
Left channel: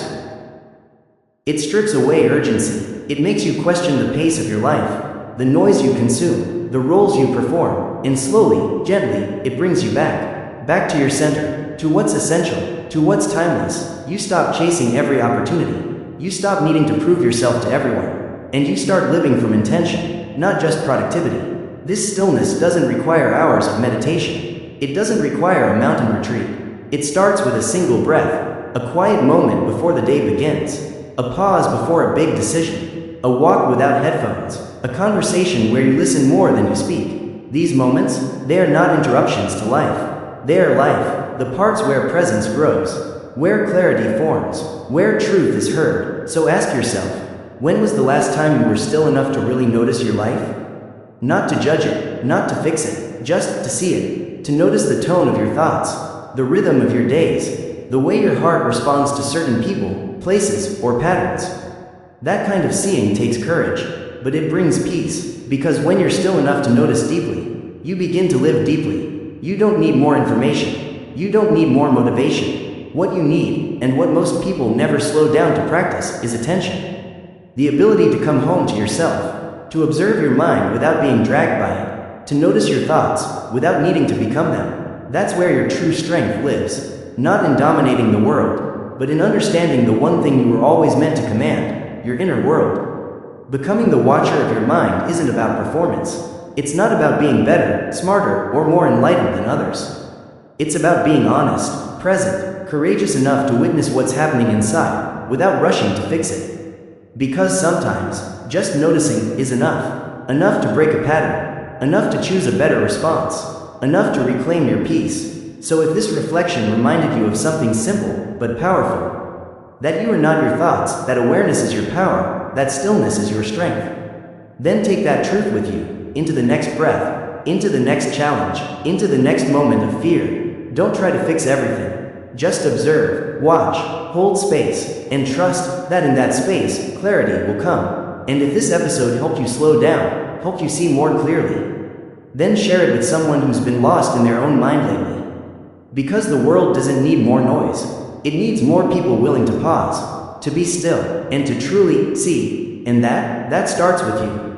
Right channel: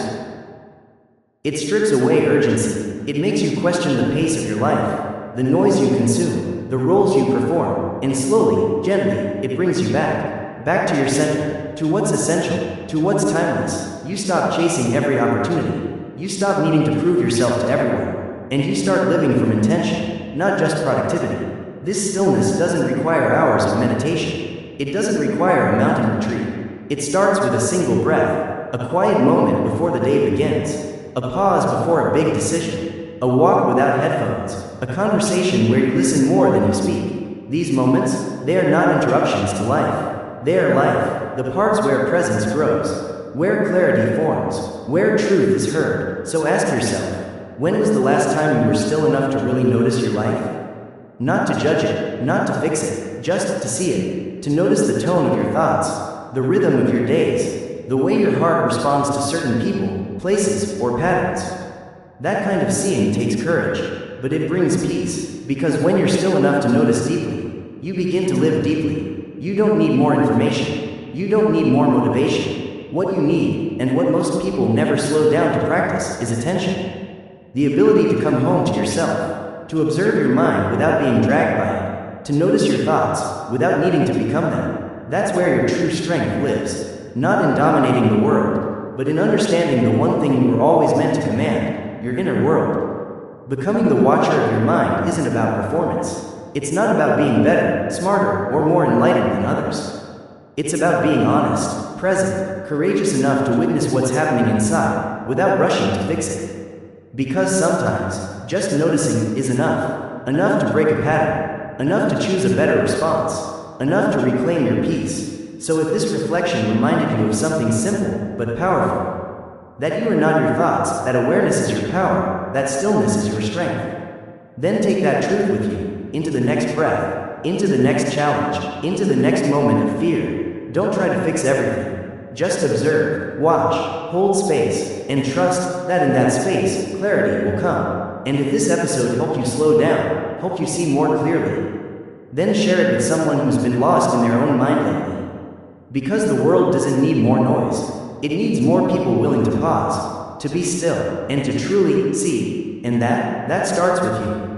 It strips away urgency. It makes you question the pace of your life, the noise you consume, the roles you perform, and slowly, gently, it brings you back to your center, to what's essential, to what's timeless. You stop chasing every opportunity. You stop needing to prove yourself to everyone, and you start living from intention, not just productivity. This stillness doesn't require hours of meditation. It doesn't require a mountain retreat. It starts with a single breath, a quiet moment before the day begins, a pause before a big decision, a walk without headphones, a conversation where you listen more than you speak. These moments, they are not interruptions to life. They are life, the parts where presence grows, where clarity forms, where truth is heard. So ask yourself, when was the last time you were still enough to really notice your life? Not to judge it, not to fix it, just to see it, to notice the tone of your thoughts, the rhythm of your days, the way your heart responds to certain people, places, or patterns. That kind of seeing takes courage, but it brings peace, because when you're still enough to notice deeply, you begin to live deeply. You don't need more information. You don't need more motivation. What you need, and what most people never slow down to practice, is attention. The ability to come home to yourself, to observe your mind without being dragged by it, to notice your thoughts without needing to become them. That's where your true strength lives, not in dominating the world, but in understanding the one thing you were always meant to command, your inner world. Becoming the watcher of your mind isn't about performance. It's not about being better, smarter, or more enlightened than others. It's about being honest, present, courageous enough to witness what's happening inside, without rushing to fix it. Because sometimes, just noticing is enough. Enough to break a pattern. Enough to choose a better response. Enough to reclaim your peace. So if this reflection reminded you of something simple, but powerful, that you are not your thoughts, that awareness is your power, that stillness is your strength. Then take that truth with you, into the next breath, into the next challenge, into the next moment of fear. Don't try to fix everything. Just observe, watch, hold space, and trust that in that space, clarity will come. And if this episode helped you slow down, helped you see more clearly, then share it with someone who's been lost in their own mind lately. Because the world doesn't need more noise. It needs more people willing to pause, to be still, and to truly see. And that starts with you.